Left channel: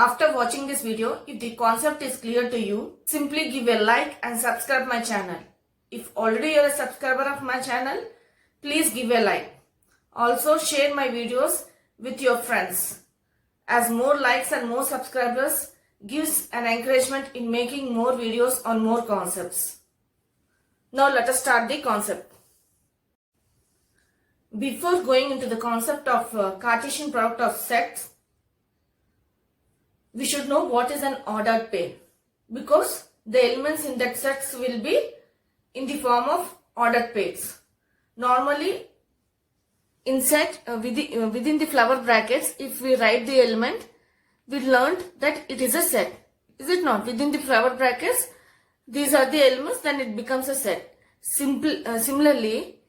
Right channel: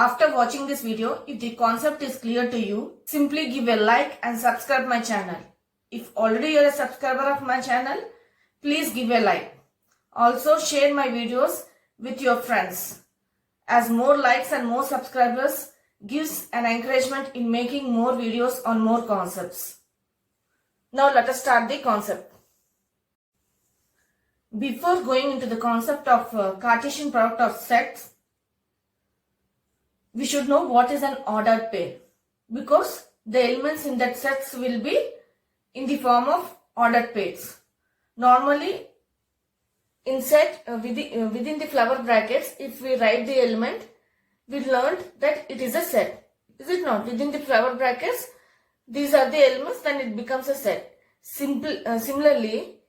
After watching this video, if the concept is clear to you, simply give a like and subscribe my channel. If already you are a subscriber of my channel, please give a like. Also share my videos with your friends, as more likes and more subscribers gives an encouragement in making more videos on more concepts. Now let us start the concept. Before going into the concept of Cartesian product of sets, we should know what is an ordered pair, because the elements in that sets will be in the form of ordered pairs. Normally, in set within the flower brackets, if we write the element, we learned that it is a set. Is it not? Within the flower brackets, these are the elements, then it becomes a set. Similarly,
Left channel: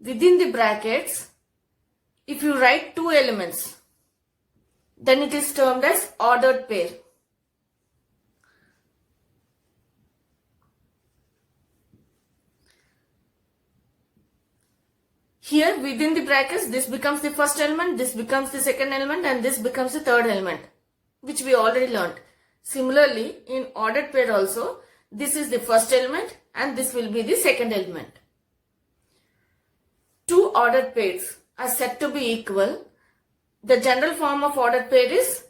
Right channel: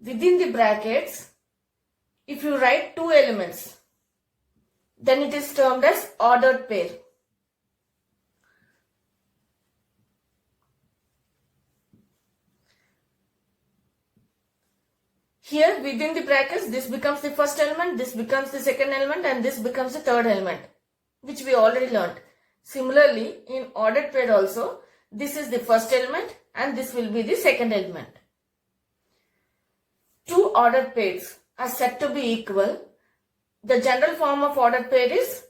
within the brackets, if you write two elements, then it is termed as ordered pair. Here within the brackets, this becomes the first element, this becomes the second element, and this becomes the third element, which we already learned. Similarly, in ordered pair also, this is the first element and this will be the second element. Two ordered pairs are said to be equal. The general form of ordered pair is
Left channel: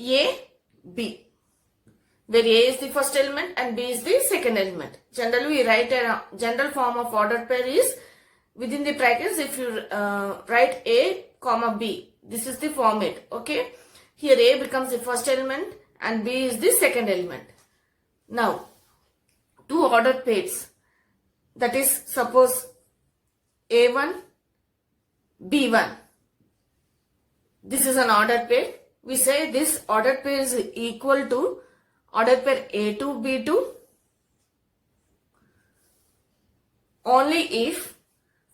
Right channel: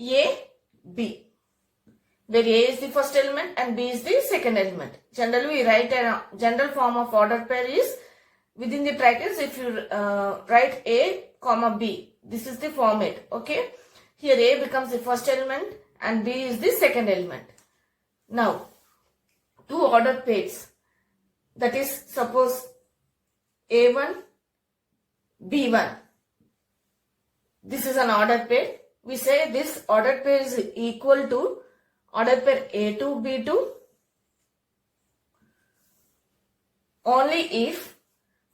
A, B, where A is the first element and B is the second element. Generally, we write a general form of ordered pair is within the brackets. If you write A, comma B, this is the format. Okay, here A becomes the first element and B is the second element. Now, two ordered pairs, that is, suppose A1, B1. This is an ordered pair. We say this ordered pair is equal to ordered pair A2, B2 only if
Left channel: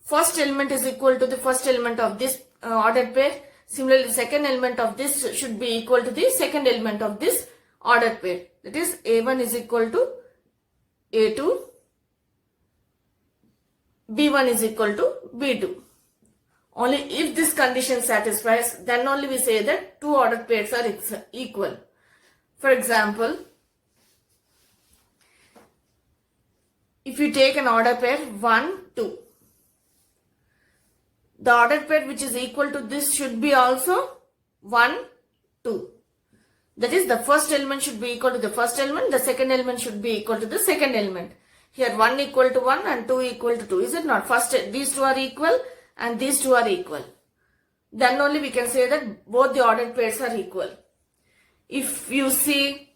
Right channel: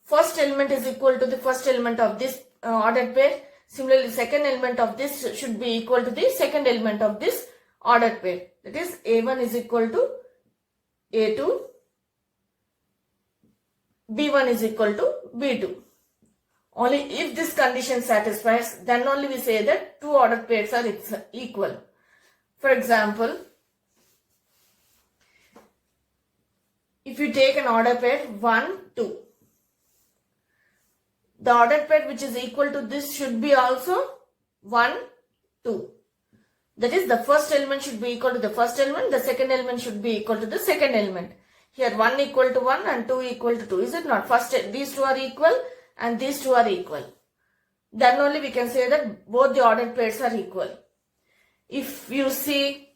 first element is equal to the first element of this ordered pair. Similarly, second element of this should be equal to the second element of this ordered pair. That is, A1 is equal to A2, B1 is equal to B2. Only if this condition satisfies, then only we say that two ordered pairs are equal. For example, if you take an ordered pair 1, 2, the ordered pair which is equal to this should be also 1, 2. That is, the first element should be equal to the first element, the second element should be equal to the second element. Here 1 equal to 1 and 2 equal to 2. Is it not? First, these two are equal and these two are equal. Then only we can say that both the ordered pairs are equal. If you see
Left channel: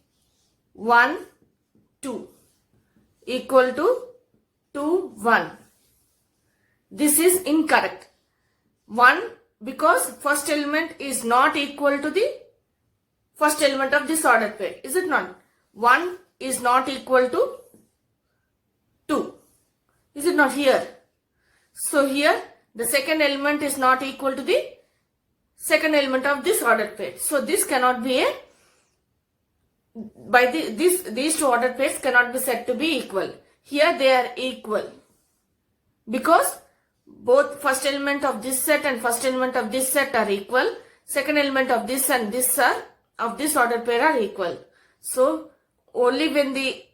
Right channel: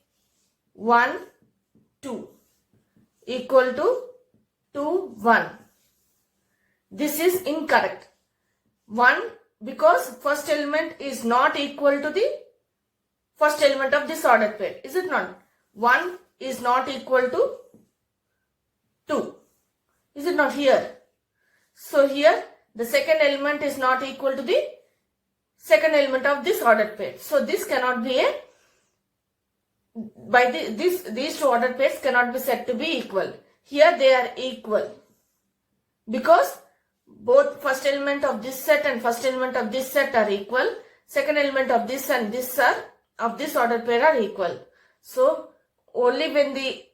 1, 2 equal to 2, 1, this is incorrect. 1, because first element is not equal to the first element of this ordered pair. Is it not? 1 is not equal to 2. Is it not here? So here the second element is not equal to the second element of this ordered pair. So this cannot be these two ordered pairs cannot be said to be equal. Here they are equal because both first element of this set and first element of this set are equal. Second element of this and this of this ordered pair are equal. So only when the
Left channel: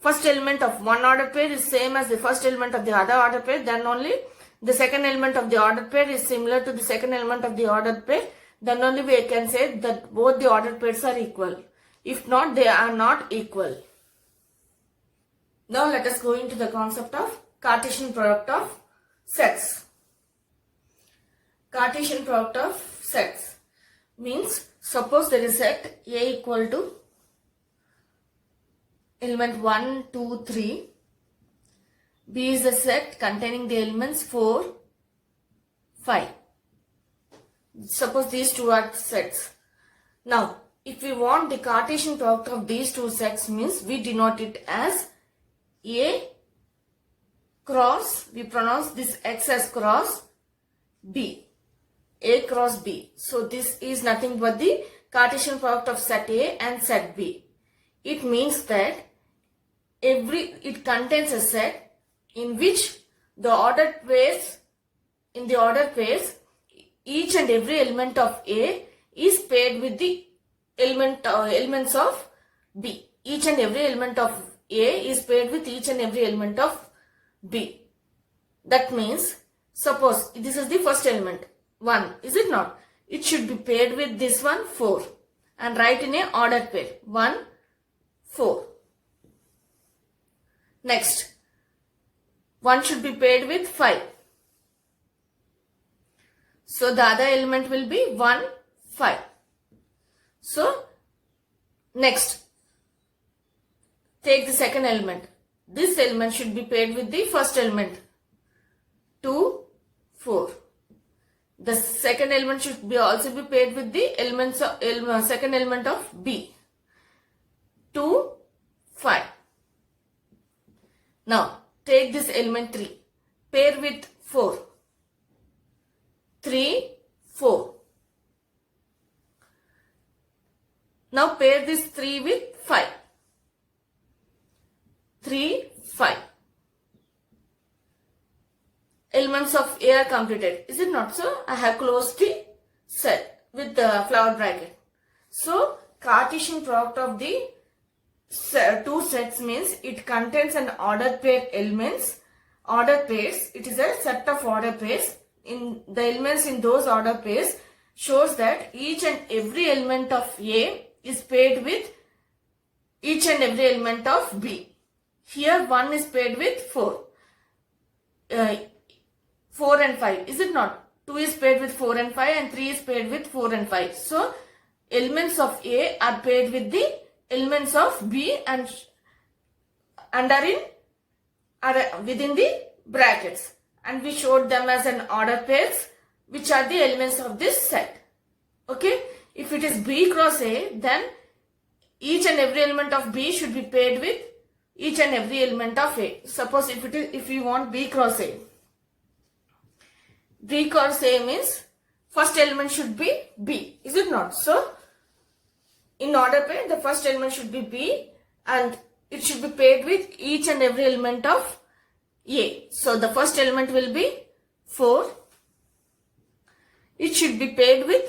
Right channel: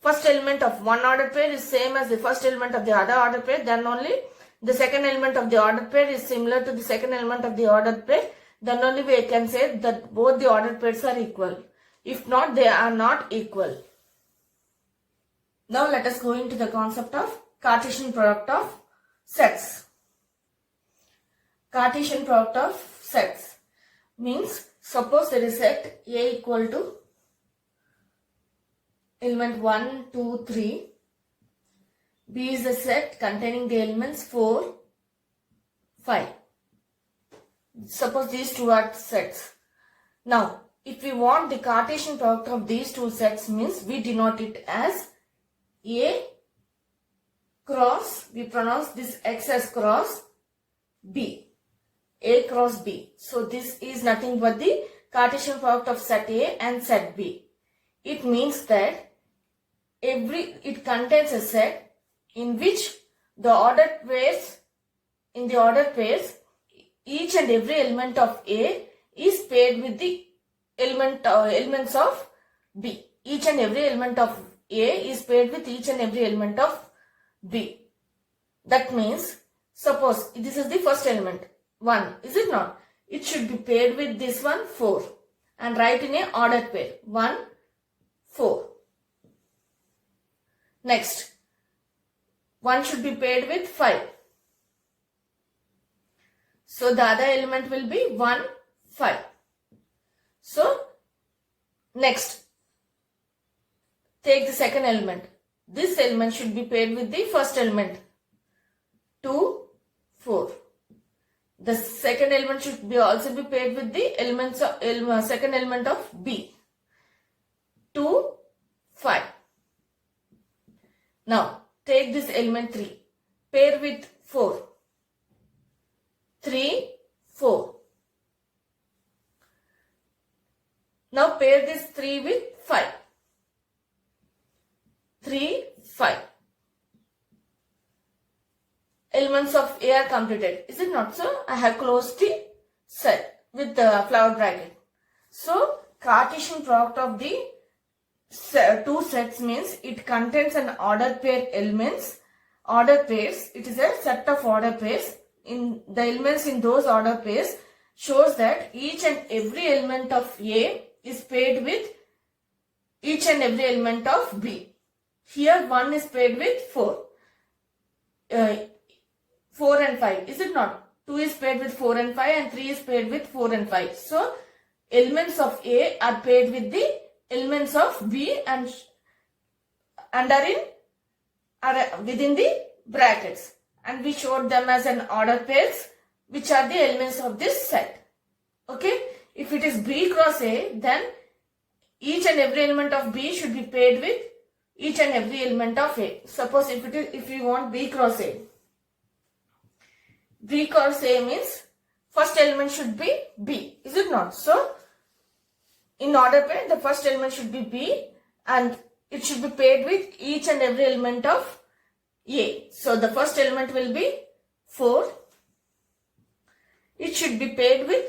first element of one ordered pair is same as the first element of the other ordered pair, then only the second element of the ordered pair is similar to the second element of the ordered pair, then only we can say that both the ordered pairs are equal. If not, they are not equal. Now let us go into the concept of Cartesian product of sets. Cartesian product of sets means, suppose there is set A equal to element 1, 2, 3. B is a set containing the elements 4, 5. Suppose these two are sets. Now, if we want the Cartesian product of these two sets, means we denote it as A cross, we pronounce this X as cross B. A cross B. So this is nothing but the Cartesian product of set A and set B. It means that it contains a set in which the ordered pairs, each and every element of A is paired with the elements of B. Each and every element of A is paired with each and every element of B. That means, suppose this is the first element, 1, is it not? It should be paired with this one, 4. And write in a ordered pair, 1, 4. Next, 1 should be paired with 5. So the other element will be 1, 5. So, next, take the second element. This element should be paired with the first element, 2, 4. The second element should be also be paired with the second element of B, 2, 5. Now, take this element 3, pair with 4, 3, 4. Now pair this 3 with 5, 3, 5. Elements of A are completed. Is it not so? I have closed the set with the flower bracket. So, Cartesian product of the two sets means it contains an ordered pair elements. Ordered pairs, it is a set of ordered pairs. In the elements in those ordered pairs shows that each and every element of A is paired with each and every element of B. Here 1 is paired with 4. 4 and 5, is it not? 2 is paired with 4 and 5 and 3 is paired with 4 and 5. So, elements of A are paired with the elements of B and are within the brackets. And we showed them as an ordered pairs, which are the elements of this set. Okay? If it is B cross A, then each and every element of B should be paired with each and every element of A. Suppose if we want B cross A. B cross A means first element should be B. Is it not? So, in order pair, the first element should be B and it should be paired with each and every element of A. So, the first element will be 4. It should be paired with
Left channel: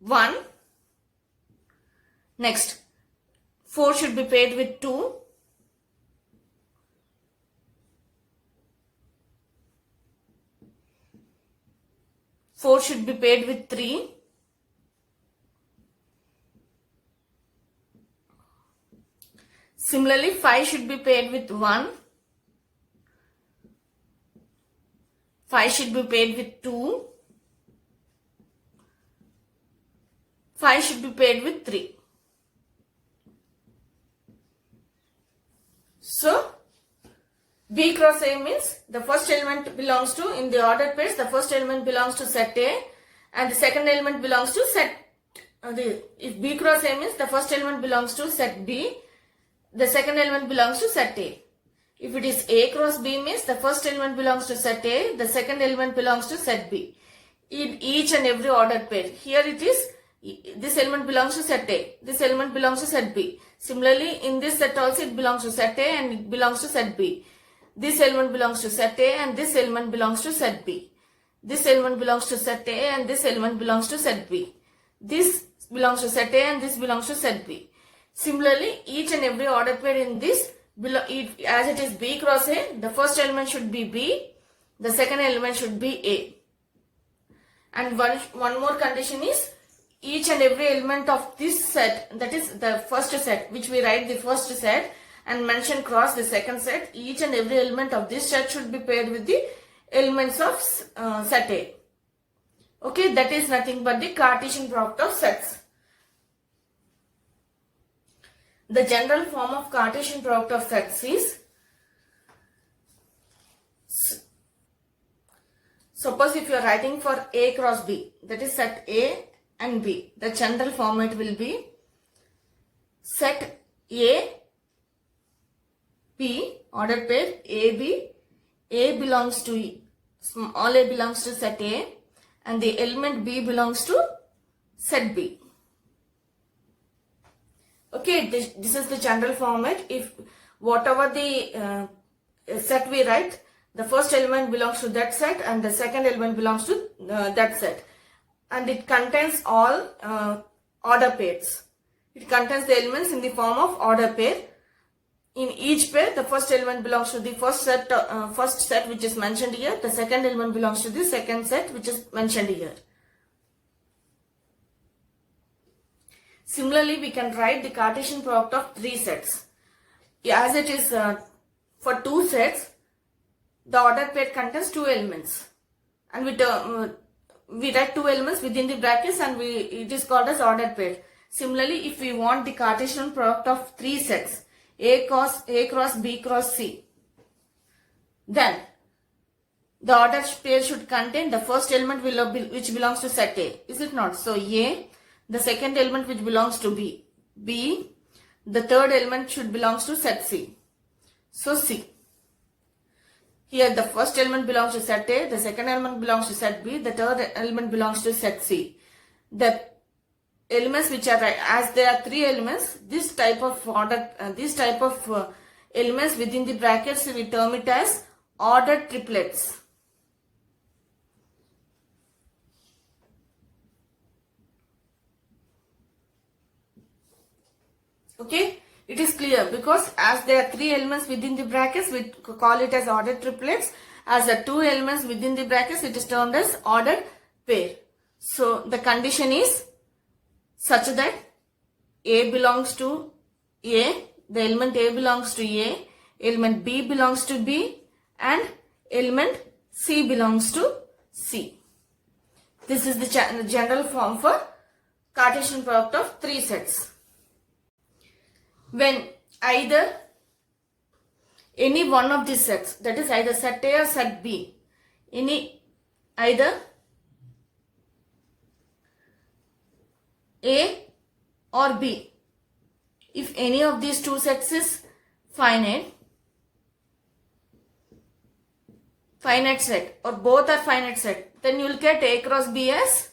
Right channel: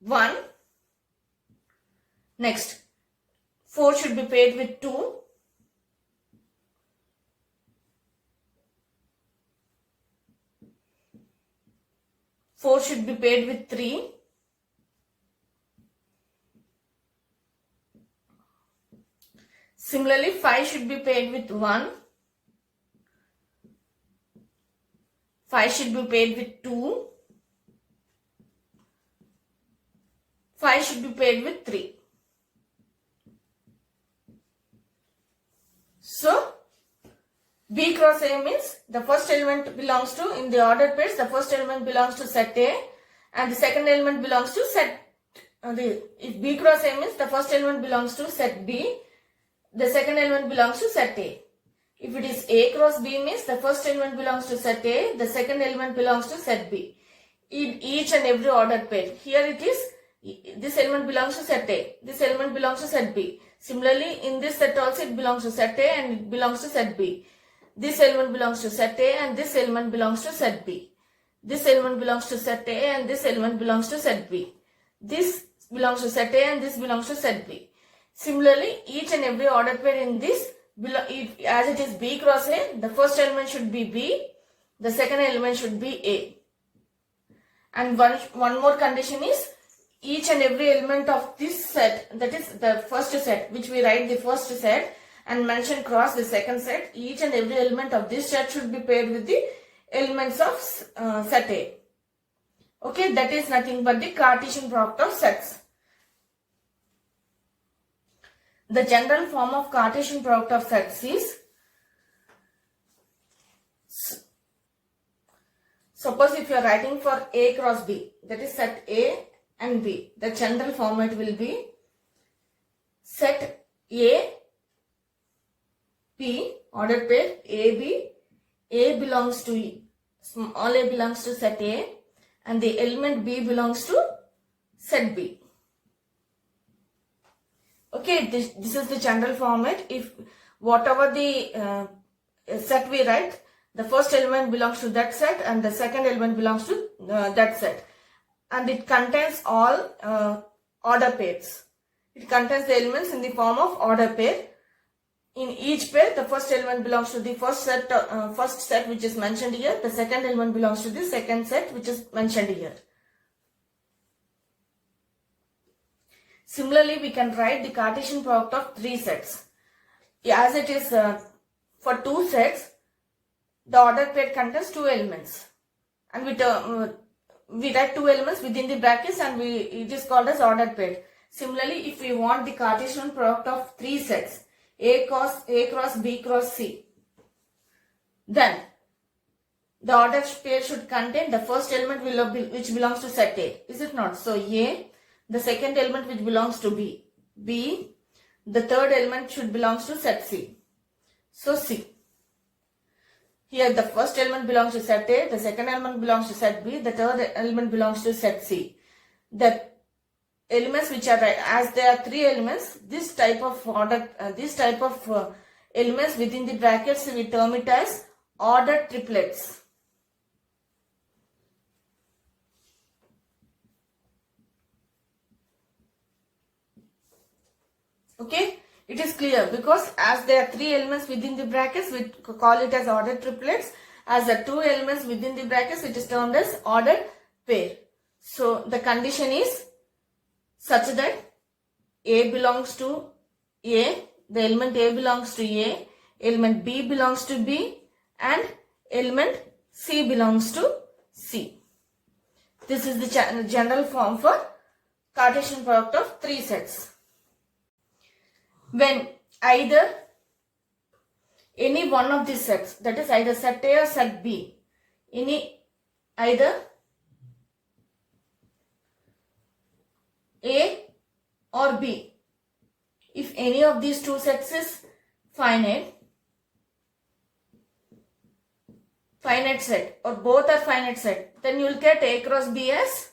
1. Next, 4 should be paired with 2. Four should be paired with 3. Similarly, 5 should be paired with 1. 5 should be paired with 2. 5 should be paired with 3. So, B cross A means the first element belongs to, in the ordered pairs, the first element belongs to set A and the second element belongs to set, if B cross A means the first element belongs to set B, the second element belongs to set A. If it is A cross B means the first element belongs to set A, the second element belongs to set B. In each and every ordered pair, here it is, this element belongs to set A, this element belongs to set B. Similarly, in this set also it belongs to set A and it belongs to set B. This element belongs to set A and this element belongs to set B. This element belongs to set A and this element belongs to set B. This belongs to set A and this belongs to set B. Similarly, each and every ordered pair in this, as it is B cross A, the first element should be B, the second element should be A. And one more condition is, each and every element of this set, that is the first set, which we write the first set and mention cross the second set, each and every element of this set should be paired with the elements of set A. Okay, that is nothing but the Cartesian product of sets. The general form of Cartesian product of sets is, suppose if you are writing for A cross B, that is set A and B, the general format will be set A, B, ordered pair AB, A belongs to, small a belongs to set A and the element B belongs to set B. Okay, this is the general format. If whatever the set we write, the first element belongs to that set and the second element belongs to that set. And it contains all order pairs. It contains the elements in the form of order pair. In each pair, the first element belongs to the first set which is mentioned here. The second element belongs to the second set which is mentioned here. Similarly, we can write the Cartesian product of three sets. As it is for two sets, the ordered pair contains two elements, and we write two elements within the brackets, and it is called as ordered pair. Similarly, if we want the Cartesian product of three sets, A cross B cross C, then the ordered pair should contain the first element which belongs to set A. Is it not? So A, the second element which belongs to B, the third element should belongs to set C. So C. Here the first element belongs to set A, the second element belongs to set B, the third element belongs to set C. The elements which are, as there are three elements, this type of elements within the brackets, we term it as ordered triplets. Okay, it is clear because as there are three elements within the brackets, we call it as ordered triplets. As there are two elements within the brackets, it is termed as ordered pair. So the condition is such that A belongs to A, the element A belongs to A, element B belongs to B, and element C belongs to C. This is the general form for Cartesian product of three sets. When either any one of these sets, that is either set A or set B, either A or B, if any of these two sets is finite set, or both are finite set, then you will get A cross B as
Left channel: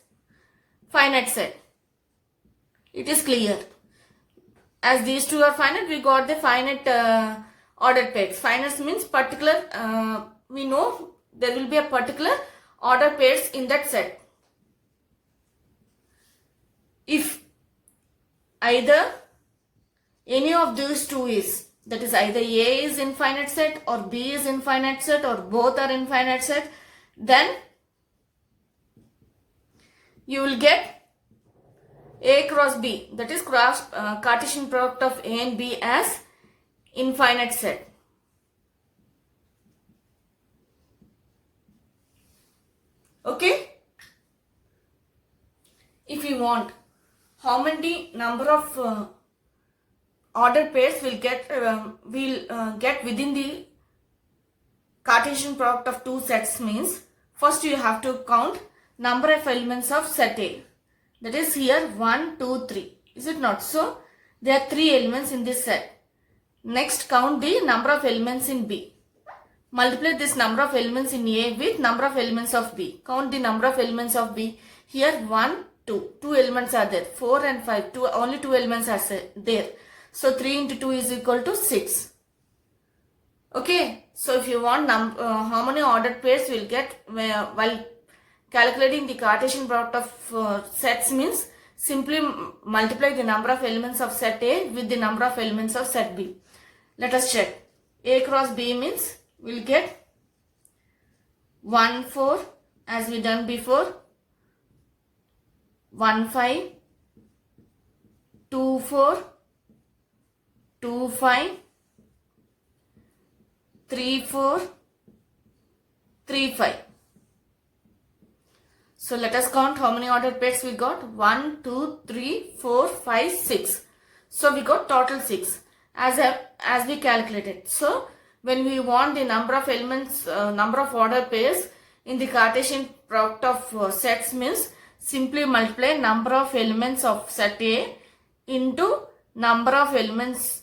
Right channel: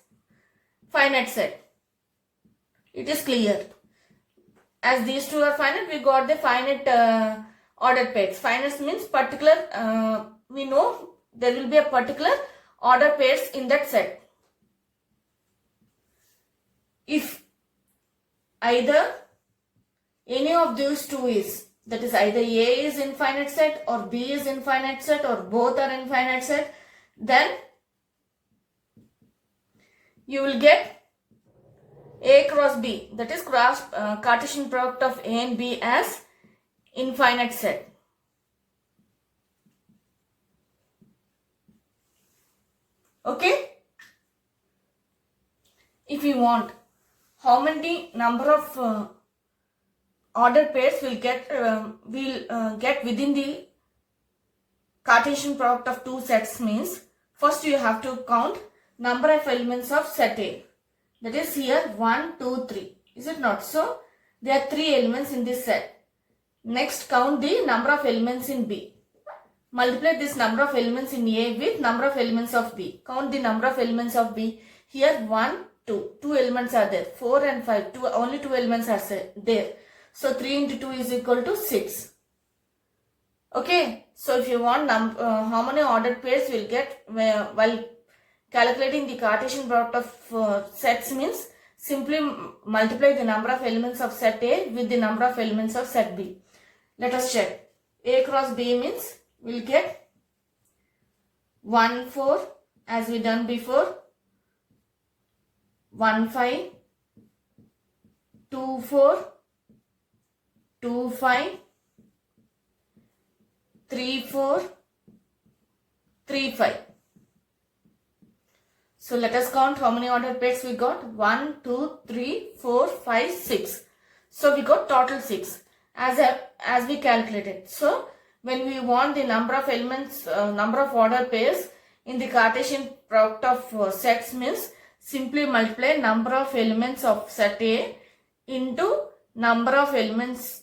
finite set. It is clear. As these two are finite, we got the finite ordered pairs. Finite means particular, we know there will be a particular order pairs in that set. If either any of these two is, that is either A is infinite set or B is infinite set or both are infinite set, then you will get A cross B, that is Cartesian product of A and B as infinite set. Okay? If we want how many number of ordered pairs we'll get within the Cartesian product of two sets means, first you have to count number of elements of set A. That is here 1, 2, 3. Is it not so? There are three elements in this set. Next count the number of elements in B. Multiply this number of elements in A with number of elements of B. Count the number of elements of B. Here 1, 2. Two elements are there. 4 and 5. Only two elements are there. So 3 into 2 is equal to 6. Okay. So if you want how many ordered pairs we'll get while calculating the Cartesian product of sets means simply multiply the number of elements of set A with the number of elements of set B. Let us check. A cross B means we'll get 1, 4 as we done before, 1, 5, 2, 4, 2, 5, 3, 4, 3, 5. So let us count how many ordered pairs we got. 1, 2, 3, 4, 5, 6. So we got total 6 as we calculated. So when we want the number of elements, number of ordered pairs in the Cartesian product of sets means simply multiply number of elements of set A into number of elements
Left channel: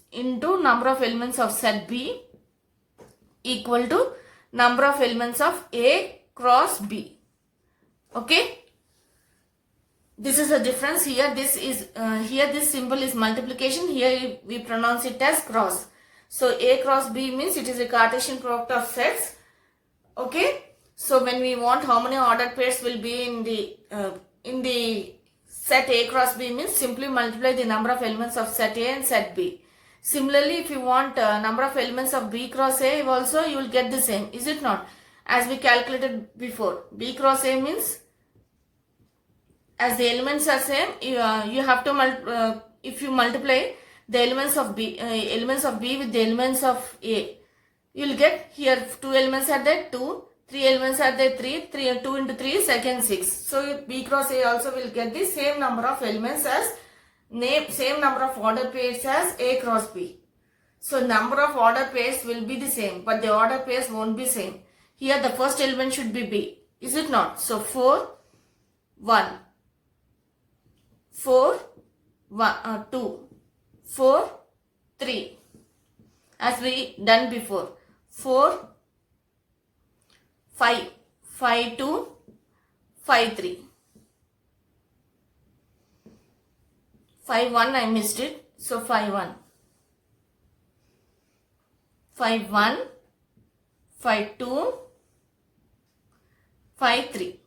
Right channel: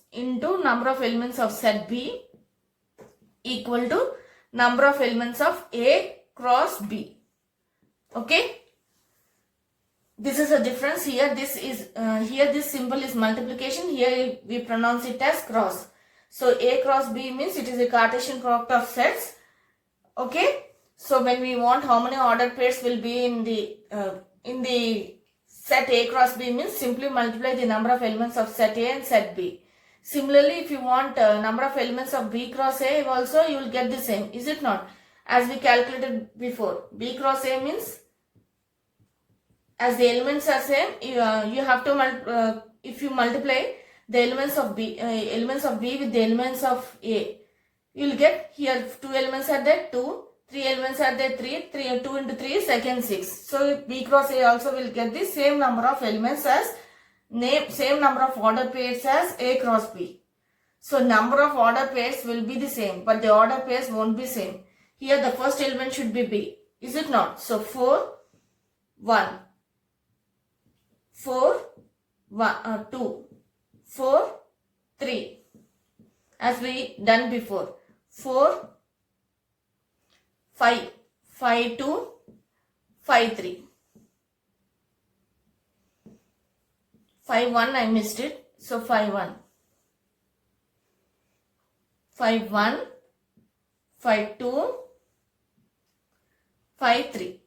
of set B equal to number of elements of A cross B. Okay, this is a difference. Here this symbol is multiplication. Here we pronounce it as cross. So A cross B means it is a Cartesian product of sets. Okay, so when we want how many ordered pairs will be in the set A cross B means simply multiply the number of elements of set A and set B. Similarly, if you want number of elements of B cross A also, you will get the same, is it not? As we calculated before, B cross A means as the elements are same, you have to if you multiply the elements of B with the elements of A, you will get here 2 elements are there 2, 3 elements are there 3, 2 into 3 is again 6. So B cross A also will get the same number of elements as same number of order pairs as A cross B. So number of order pairs will be the same, but the order pairs won't be same. Here the first element should be B, is it not? So 4, 1, 4, 1, 2, 4, 3, as we done before. 4, 5, 5, 2, 5, 3. 5, 1, I missed it. So 5, 1. 5, 1, 5, 2, 5, 3.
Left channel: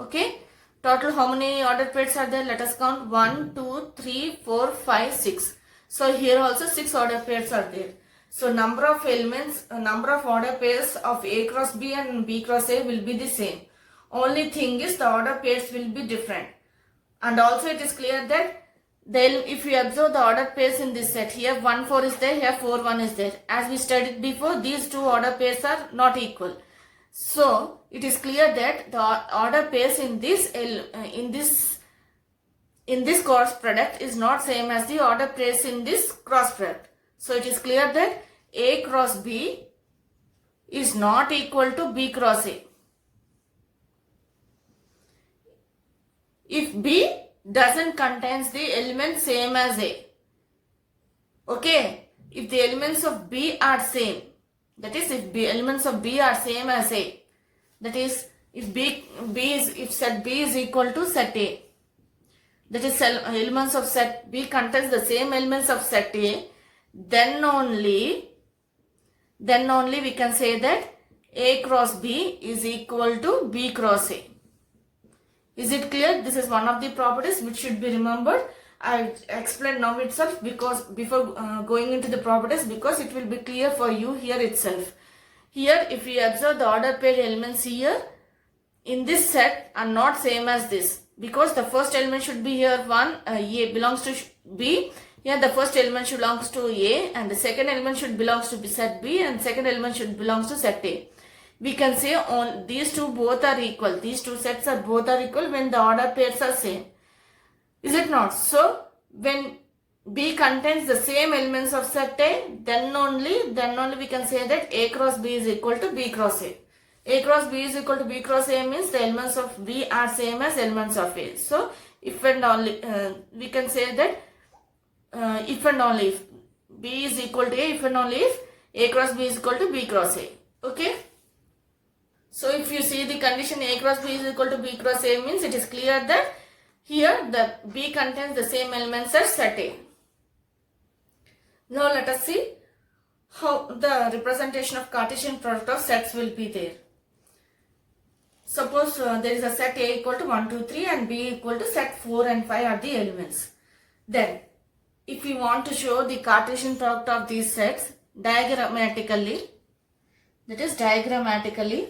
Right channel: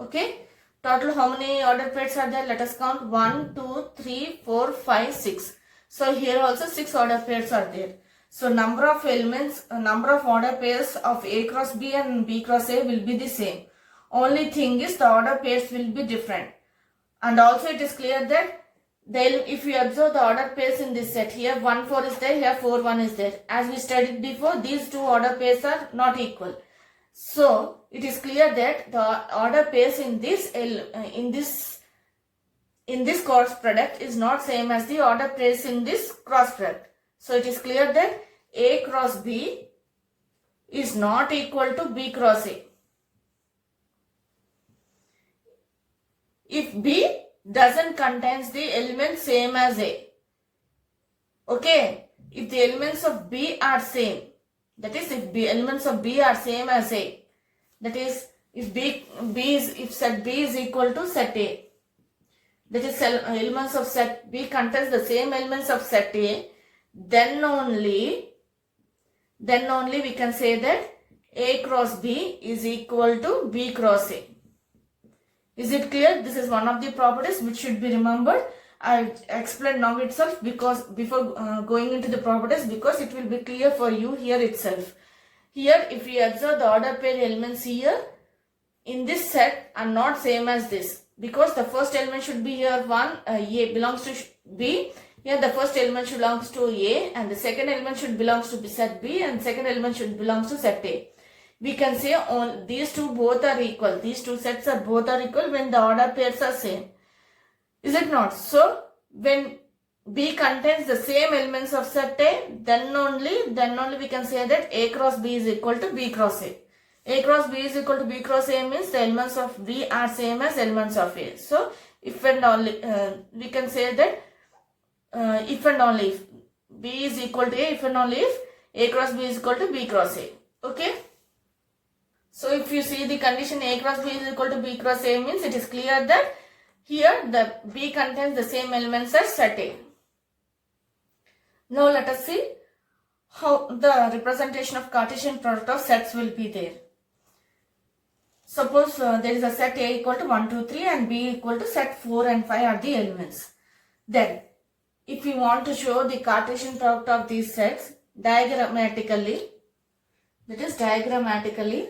Okay. Total how many order pairs are there? Let us count. 1, 2, 3, 4, 5, 6. So here also 6 order pairs are there. So number of elements, number of order pairs of A cross B and B cross A will be the same. Only thing is the order pairs will be different. And also it is clear that if we observe the order pairs in this set, here 1, 4 is there, here 4, 1 is there. As we studied before, these two order pairs are not equal. So it is clear that the order pairs in this cross product is not same as the order pairs in this cross product. So it is clear that A cross B is not equal to B cross A. If B doesn't contains the element same as A. Okay. If the elements of B are same, that is if elements of B are same as A, that is if set B is equal to set A, that is elements of set B contains the same elements of set A, then only we can say that A cross B is equal to B cross A. Is it clear? This is one of the properties which should be remembered. I explained now itself because before going into the properties, because it will be clear for you here itself. Here if we observe the order pair elements here in this set are not same as this, because the first element should be here 1, A belongs to B. Here the first element belongs to A and the second element should belongs to set B and second element should belongs to set A. We can say these two both are equal. These two sets are both are equal when the order pairs are same. Is it not? So when B contains the same elements of set A, then only we can say that A cross B is equal to B cross A. A cross B is equal to B cross A means the elements of B are same as elements of A. So if and only we can say that if and only if B is equal to A, if and only if A cross B is equal to B cross A. Okay. So if you see the condition A cross B is equal to B cross A means it is clear that here the B contains the same elements as set A. Now let us see how the representation of Cartesian product of sets will be there. Suppose there is a set A equal to 1, 2, 3 and B equal to set 4 and 5 are the elements. Then if we want to show the Cartesian product of these sets diagrammatically, that is diagrammatically,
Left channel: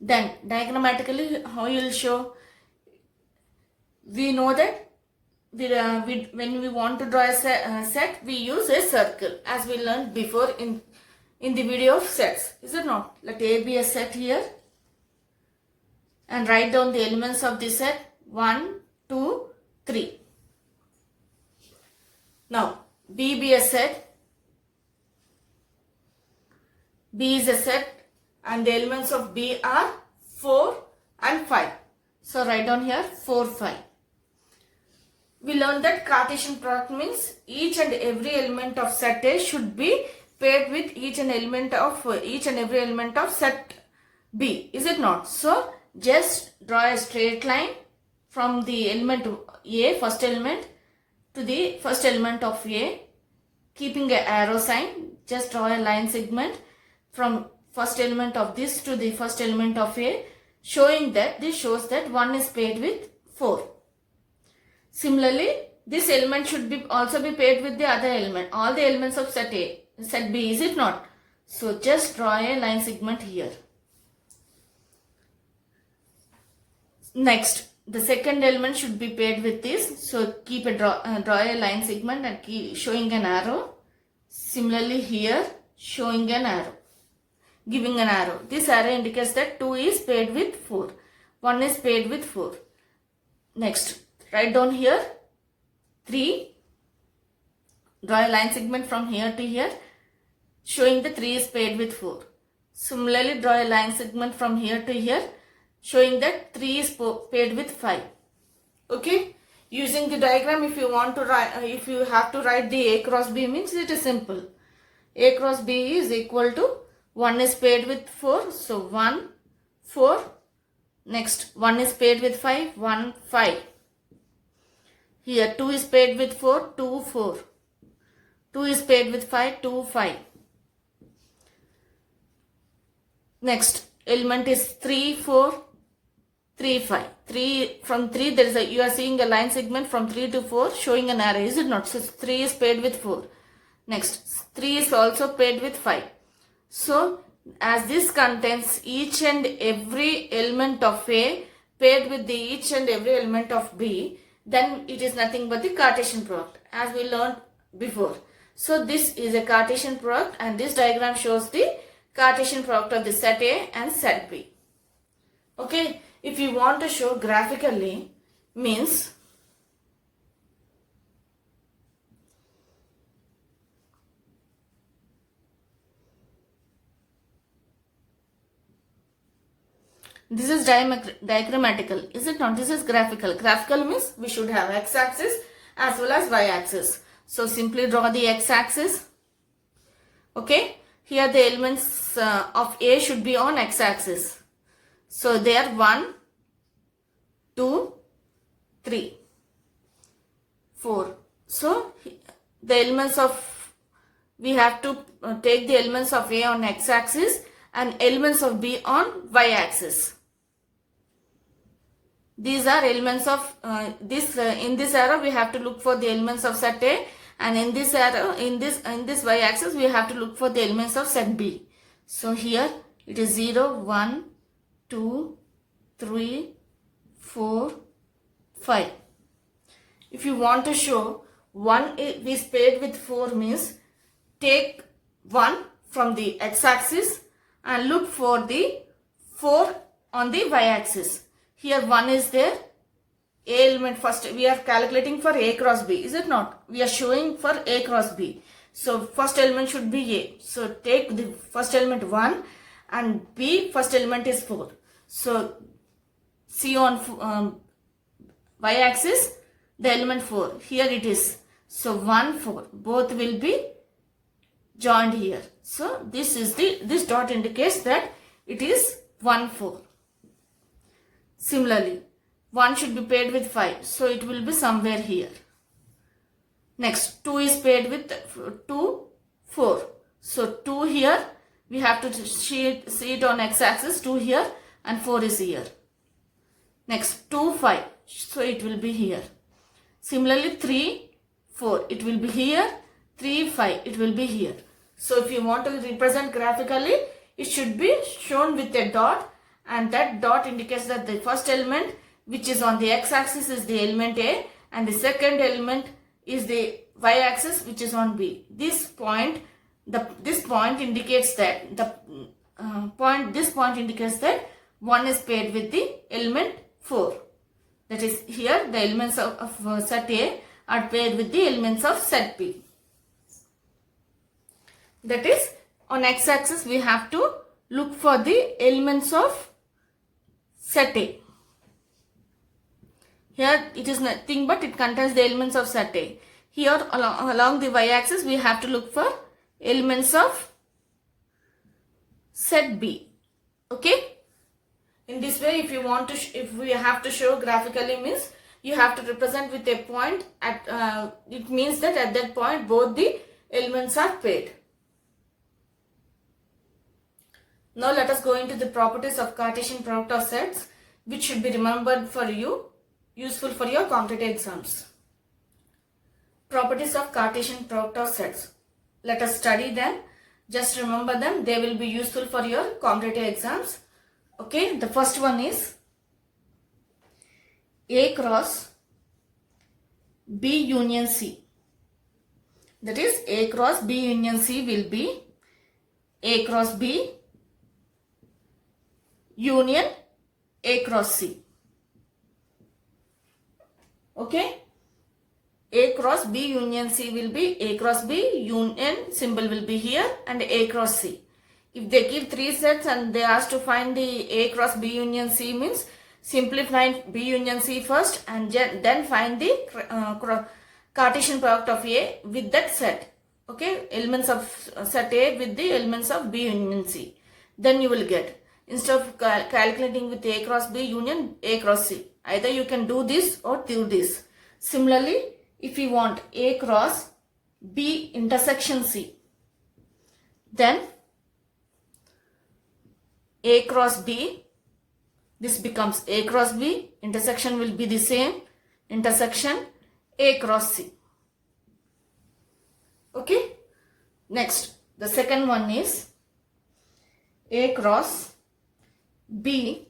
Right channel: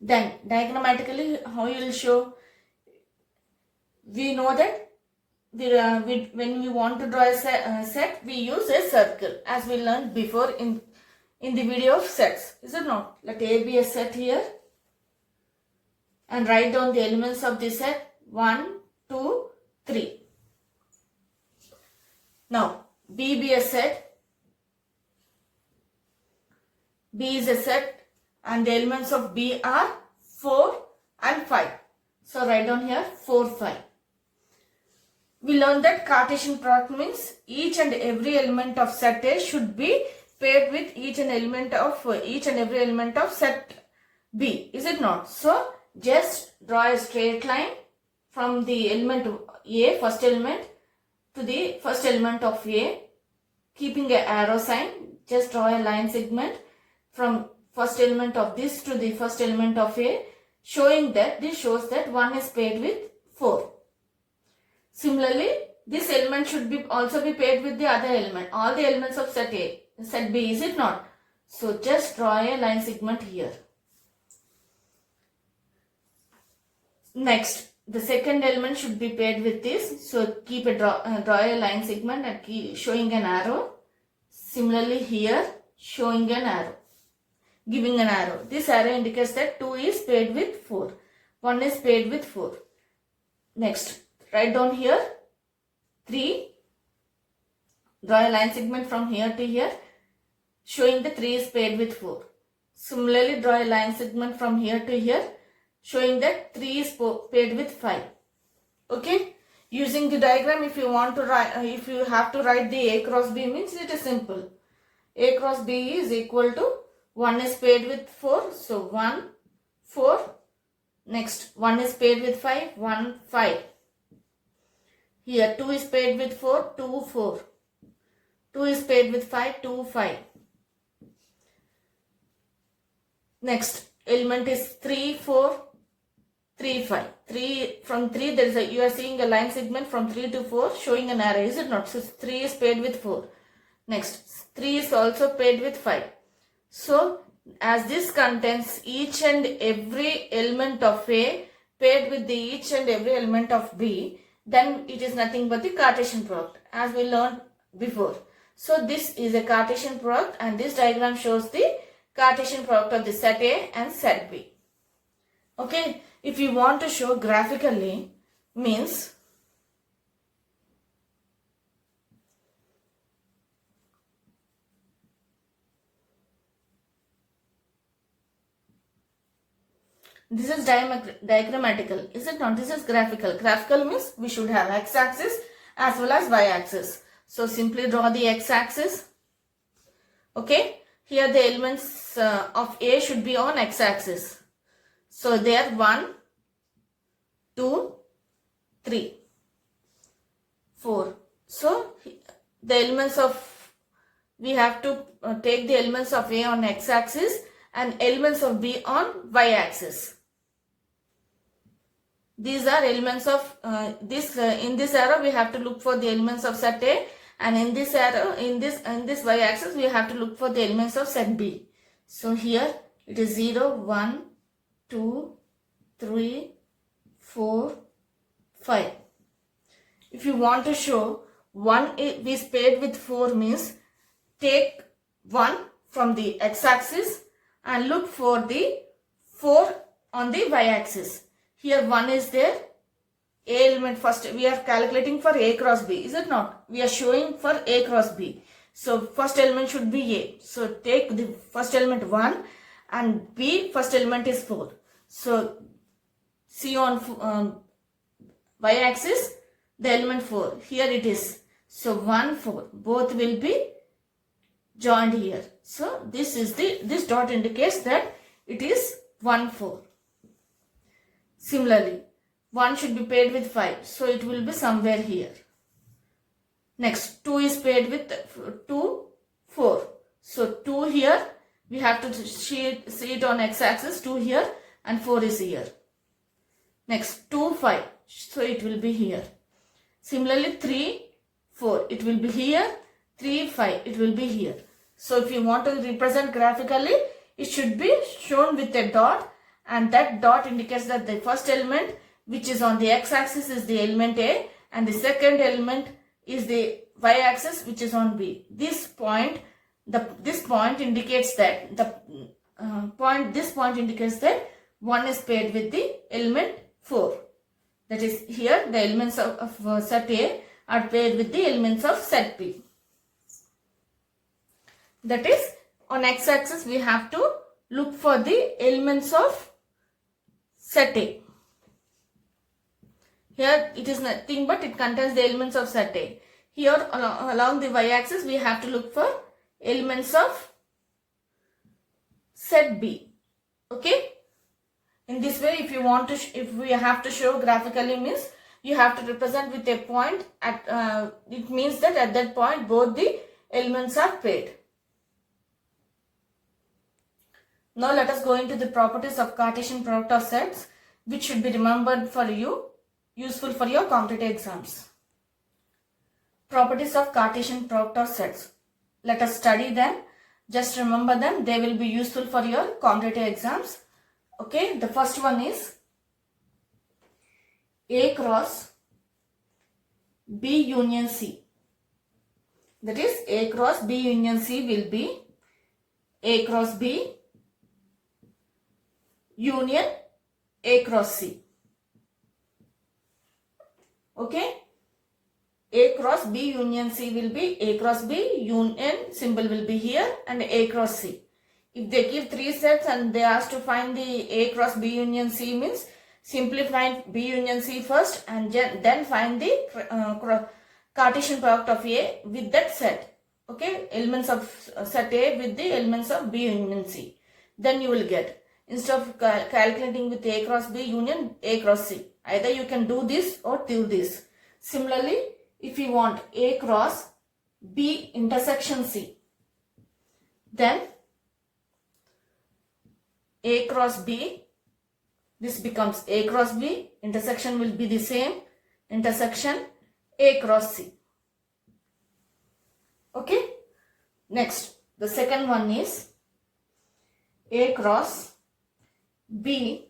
then diagrammatically how you will show? We know that when we want to draw a set, we use a circle as we learned before in the video of sets. Is it not? Let A be a set here and write down the elements of the set 1, 2, 3. Now B be a set. B is a set and the elements of B are 4 and 5. So write down here 4, 5. We learned that Cartesian product means each and every element of set A should be paired with each and every element of set B. Is it not? So just draw a straight line from the element A, first element, to the first element of A, keeping an arrow sign. just draw a line segment from first element of this to the first element of A, showing that this shows that 1 is paired with 4. Similarly, this element should be also be paired with the other element, all the elements of set A, set B, is it not? So just draw a line segment here. Next, the second element should be paired with this. So keep a draw a line segment and keep showing an arrow. Similarly here, showing an arrow, giving an arrow. This arrow indicates that 2 is paired with 4. 1 is paired with 4. Next, write down here 3. Draw a line segment from here to here, showing the 3 is paired with 4. Similarly, draw a line segment from here to here, showing that 3 is paired with 5. Okay? Using the diagram, if you want to write, if you have to write the A cross B, means it is simple. A cross B is equal to 1 is paired with 4. So 1, 4. Next, 1 is paired with 5, 1, 5. Here 2 is paired with 4, 2, 4. 2 is paired with 5, 2, 5. Next element is 3, 4, 3, 5. 3 from 3 there is a, you are seeing a line segment from 3 to 4 showing an arrow, is it not? So 3 is paired with 4. Next 3 is also paired with 5. So as this contains each and every element of A paired with the each and every element of B, then it is nothing but the Cartesian product, as we learned before. So this is a Cartesian product, and this diagram shows the Cartesian product of the set A and set B. Okay, if you want to show graphically, means this is diagrammatical, is it not? This is graphical. Graphical means we should have x-axis as well as y-axis. So simply draw the x-axis. Okay, here the elements of A should be on x-axis. So there 1, 2, 3, 4. So the elements of, we have to take the elements of A on x-axis and elements of B on y-axis. These are elements of in this arrow we have to look for the elements of set A, and in this arrow, in this y-axis we have to look for the elements of set B. So here it is 0, 1, 2, 3, 4, 5. If you want to show 1 is paired with 4, means take 1 from the x-axis and look for the 4 on the y-axis. Here 1 is there, A element first, we are calculating for A cross B, is it not? We are showing for A cross B. So first element should be A. So take the first element 1 and B first element is 4. So see on y-axis the element 4. Here it is. So 1, 4. Both will be joined here. So this dot indicates that it is 1, 4. Similarly, 1 should be paired with 5. So it will be somewhere here. Next, 2 is paired with 2, 4. So 2 here, we have to see it on x-axis, 2 here and 4 is here. Next, 2, 5. So it will be here. Similarly, 3, 4. It will be here. 3, 5. It will be here. So if you want to represent graphically, it should be shown with a dot, and that dot indicates that the first element which is on the x-axis is the element A, and the second element is the y-axis which is on B. This point indicates that this point indicates that 1 is paired with the element 4. That is, here the elements of set A are paired with the elements of set B. That is, on x-axis we have to look for the elements of set A. Here it is nothing but it contains the elements of set A. Here along the y-axis we have to look for elements of set B. Okay. In this way, if we have to show graphically, means you have to represent with a point at it means that at that point both the elements are paired. Now let us go into the properties of Cartesian product of sets, which should be remembered for you, useful for your competitive exams. Properties of Cartesian product of sets. Let us study them. Just remember them. They will be useful for your competitive exams. Okay, the first one is A cross B union C. That is, A cross B union C will be A cross B union A cross C. Okay, A cross B union C will be A cross B, union symbol will be here, and A cross C. If they give three sets and they ask to find the A cross B union C, means simply find B union C first and then find the Cartesian product of A with that set. Okay, elements of set A with the elements of B union C. Then you will get, instead of calculating with A cross B union A cross C, either you can do this or do this. Similarly, if you want A cross B intersection C, then A cross B, this becomes A cross B, intersection will be the same, intersection A cross C. Okay, next, the second one is A cross B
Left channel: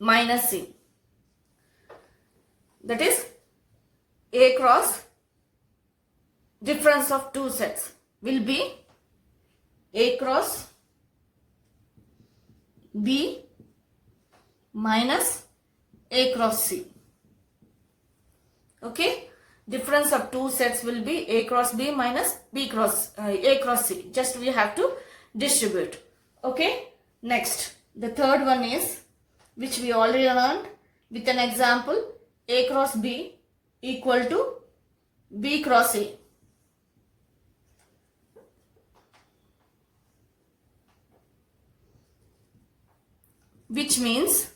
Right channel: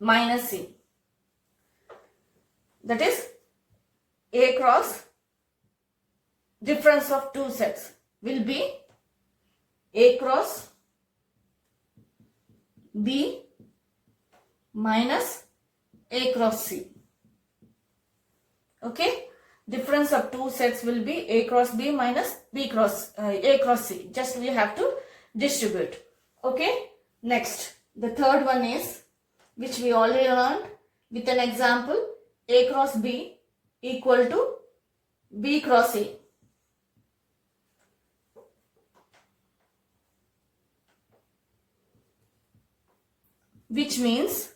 minus C. That is, A cross difference of two sets will be A cross B minus A cross C. Okay, difference of two sets will be A cross B minus A cross C. Just we have to distribute. Okay, next, the third one is, which we already learned with an example, A cross B equal to B cross A. Which means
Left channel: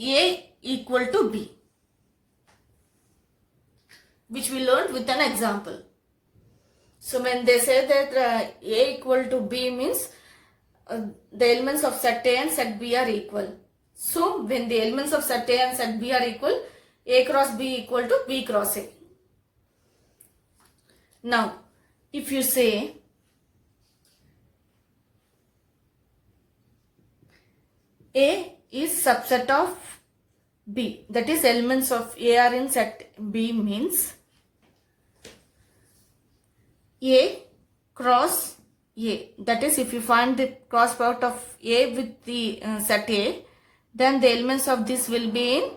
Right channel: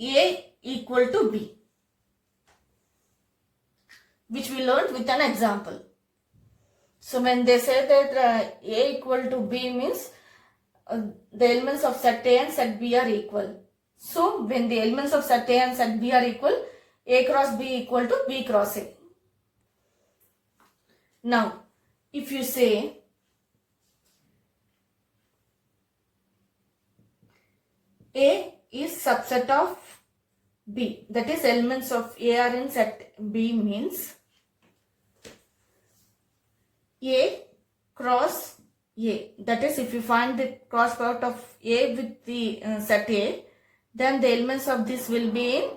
A equal to B, which we learned with an example. So when they say that A equal to B means the elements of set A and set B are equal. So when the elements of set A and set B are equal, A cross B equal to B cross A. Now, if you say A is subset of B, that is, elements of A are in set B, means A cross A, that is, if you find the cross product of A with the set A, then the elements of this will be in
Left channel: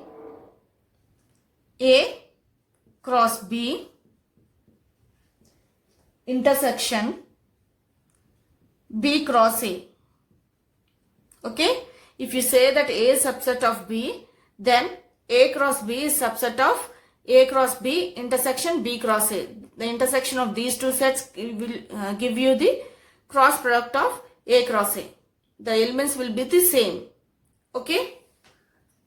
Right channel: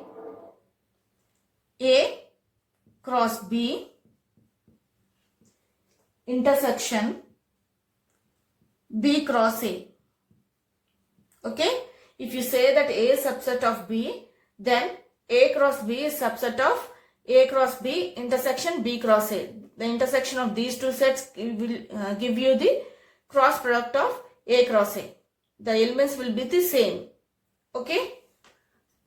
A cross B intersection B cross A. Okay, if you say that A is subset of B, then A cross B is subset of A cross B intersection B cross A. The intersection of these two sets will give you the cross product of A cross A. The elements will be the same. Okay,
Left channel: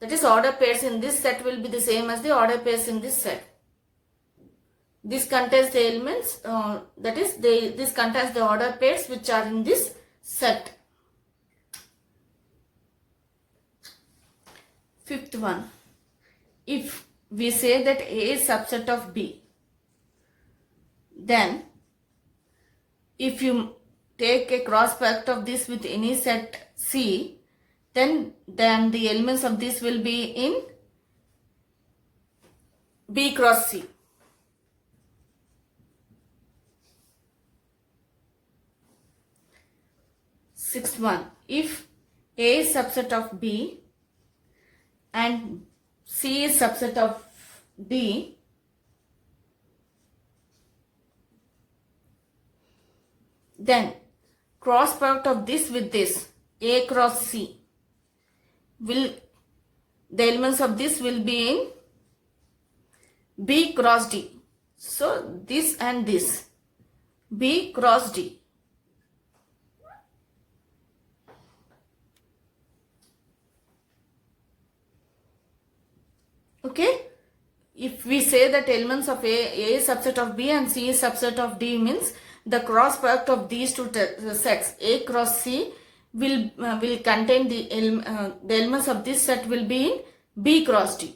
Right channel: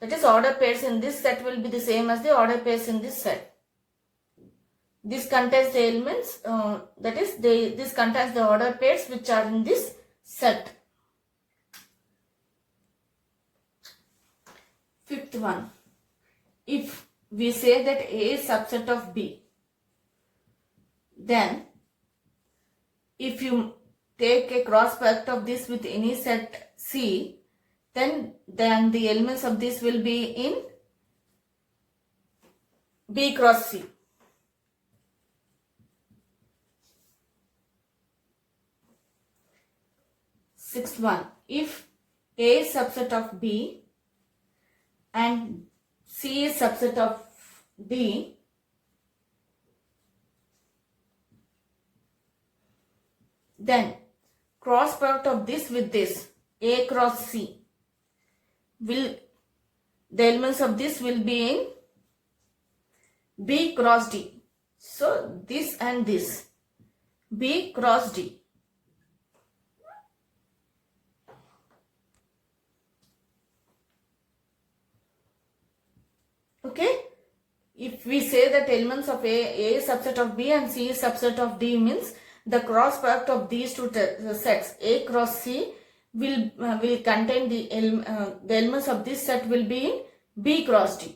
that is, order pairs in this set will be the same as the order pairs in this set. This contains the elements, that is, this contains the order pairs which are in this set. Fifth one, if we say that A is subset of B, then if you take a cross product of this with any set C, then the elements of this will be in B cross C. Sixth one, if A is subset of B and C is subset of D, then cross product of this with this, A cross C, the elements of this will be in B cross D. So this and this, B cross D. Okay, if we say that elements of A is subset of B and C is subset of D, means the cross product of these two sets A cross C will contain the elements of this set will be in B cross D.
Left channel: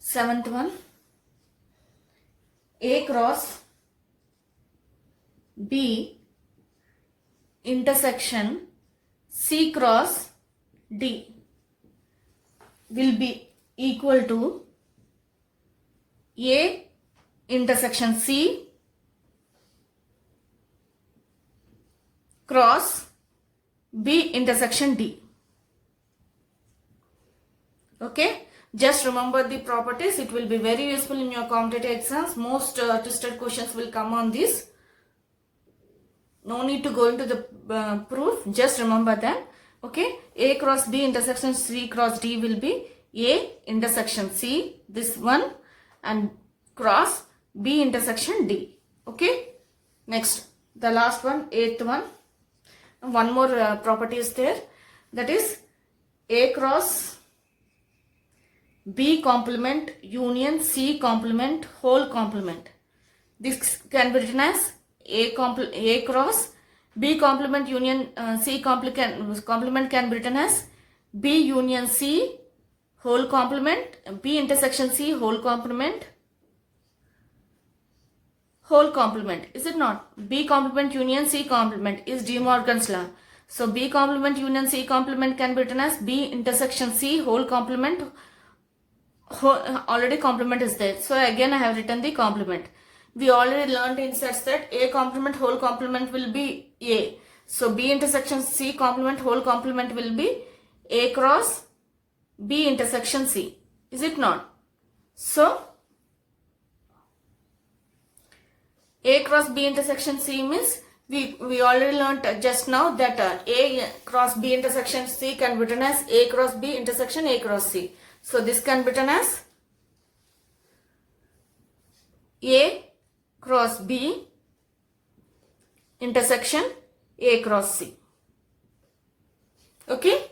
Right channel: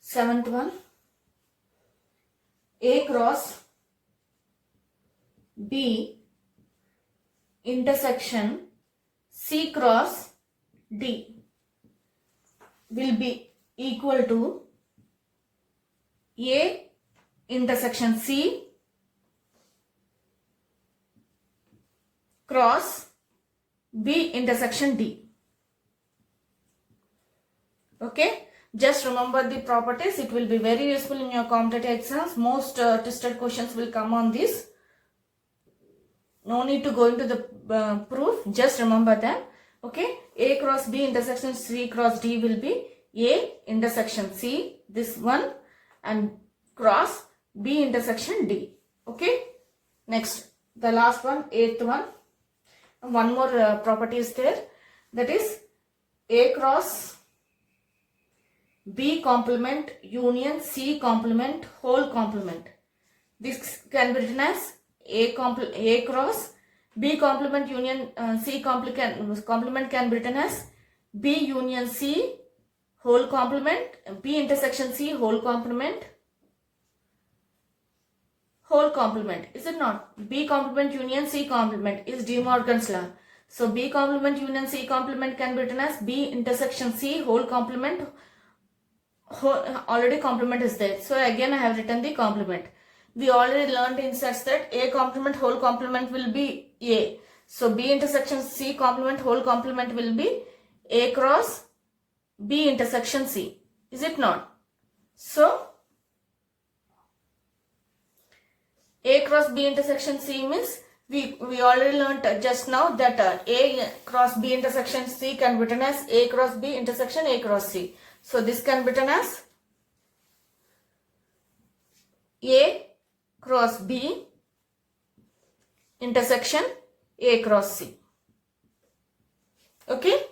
Seventh one, A cross B intersection C cross D will be equal to A intersection C cross B intersection D. Okay, just remember the properties. It will be very useful in your competitive exams. Most tested questions will come on this. No need to go into the proof, just remember them. Okay, A cross B intersection C cross D will be A intersection C, this one, and cross B intersection D. Okay, next, the last one, eighth one. One more property is there, that is A cross B complement union C complement whole complement. This can be written as A cross B complement union C complement can be written as B union C whole complement, B intersection C whole complement, is it not? B complement union C complement is De Morgan's law. So B complement union C complement can be written as B intersection C whole complement. Already complement is there. So again I have written the complement. We already learned in sets that A complement whole complement will be A. So B intersection C complement whole complement will be A cross B intersection C. Is it not? So A cross B intersection C means we already learned just now that A cross B intersection C can be written as A cross B intersection A cross C. So this can be written as A cross B intersection A cross C. Okay.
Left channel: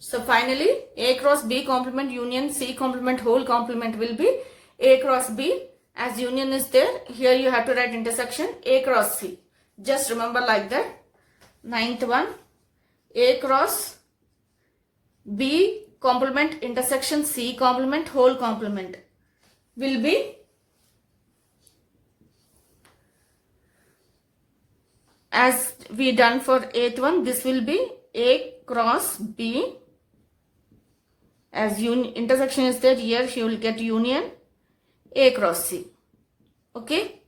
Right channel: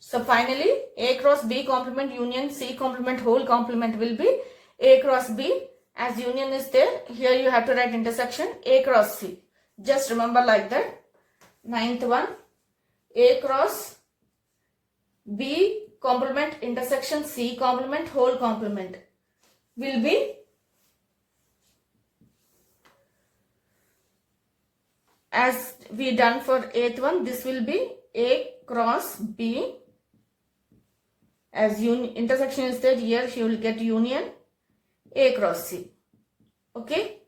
So finally A cross B complement union C complement whole complement will be A cross B. As union is there, here you have to write intersection A cross C. Just remember like that. Ninth one, A cross B complement intersection C complement whole complement will be as we done for 8th one, this will be A cross B. As intersection is there, here you will get union A cross C. Okay.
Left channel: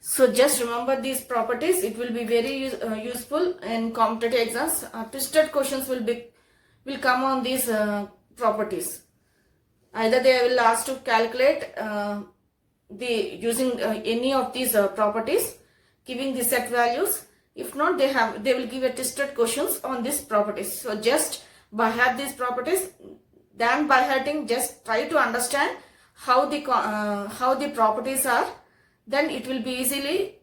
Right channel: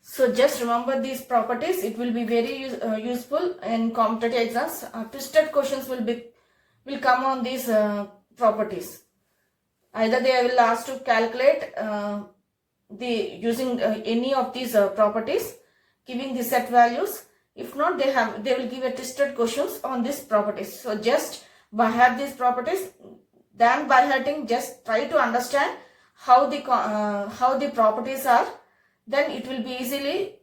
So just remember these properties. It will be very useful in competitive exams. Twisted questions will come on these properties. Either they will ask to calculate using any of these properties, giving the set values. If not, they will give a twisted questions on these properties. So just by heart these properties, then by hearting, just try to understand how the properties are. Then it will be easily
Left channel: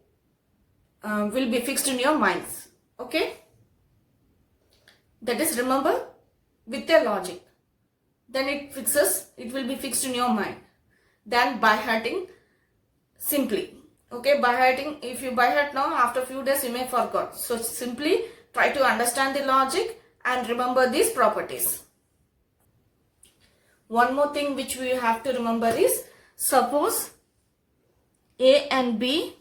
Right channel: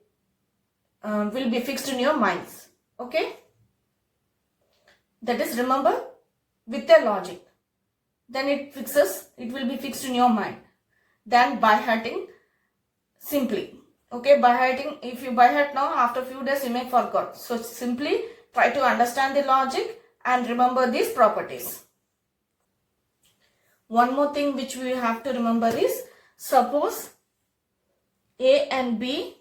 will be fixed in your minds. Okay. That is, remember with the logic. Then it will be fixed in your mind. Then by hearting simply. Okay, by hearting, if you by heart now, after few days you may forget. So simply try to understand the logic and remember these properties. One more thing which we have to remember is, suppose A and B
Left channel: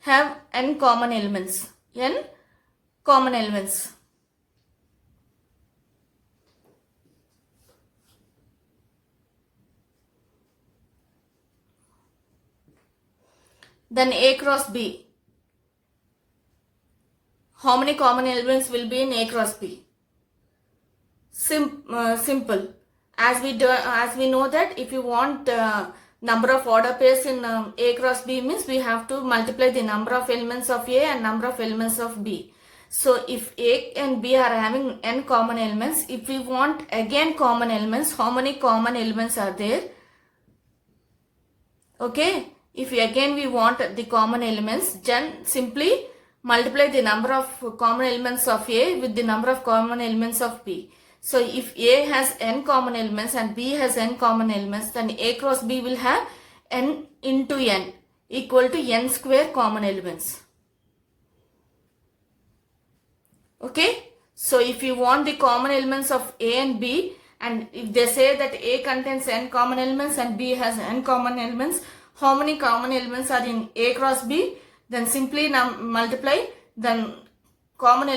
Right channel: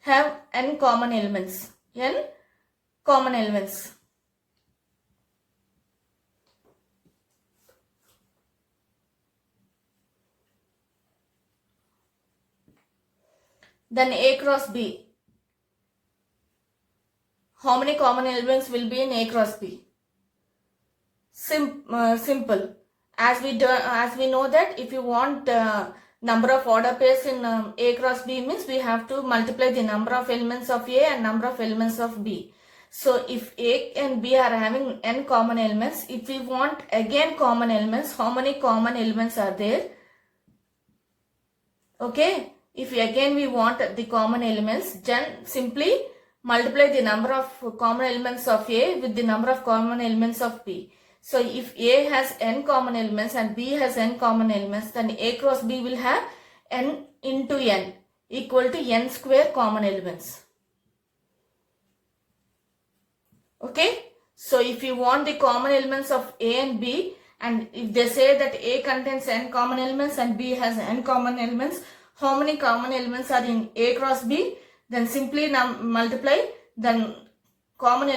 have n common elements. N common elements. Then A cross B. How many common elements will be in A cross B? Simple. As we know that if you want number of order pairs in A cross B means we have to multiply the number of elements of A and number of elements of B. So if A and B are having n common elements, if we want again common elements, how many common elements are there? Okay. If we want the common elements, then simply multiply the number of common elements of A with the number of common elements of B. So if A has n common elements and B has n common elements, then A cross B will have n into n equal to n square common elements. Okay, so if you want the common elements of A and B, and if they say that A contains n common elements and B has n common elements, how many common elements are in A cross B? Then simply multiply the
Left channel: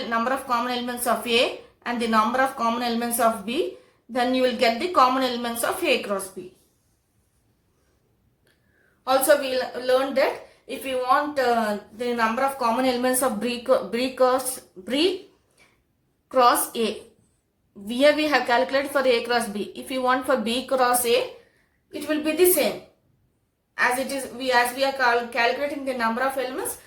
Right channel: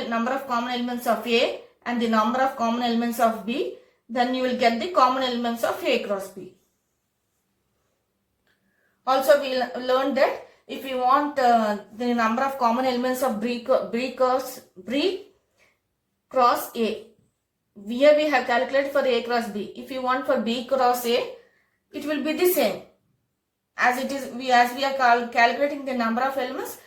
number of common elements of A and the number of common elements of B, then you will get the common elements of A cross B. Also, we learned that if you want the number of common elements of B cross A, here we have calculated for A cross B. If you want for B cross A, it will be the same as it is. As we are calculating the number of elements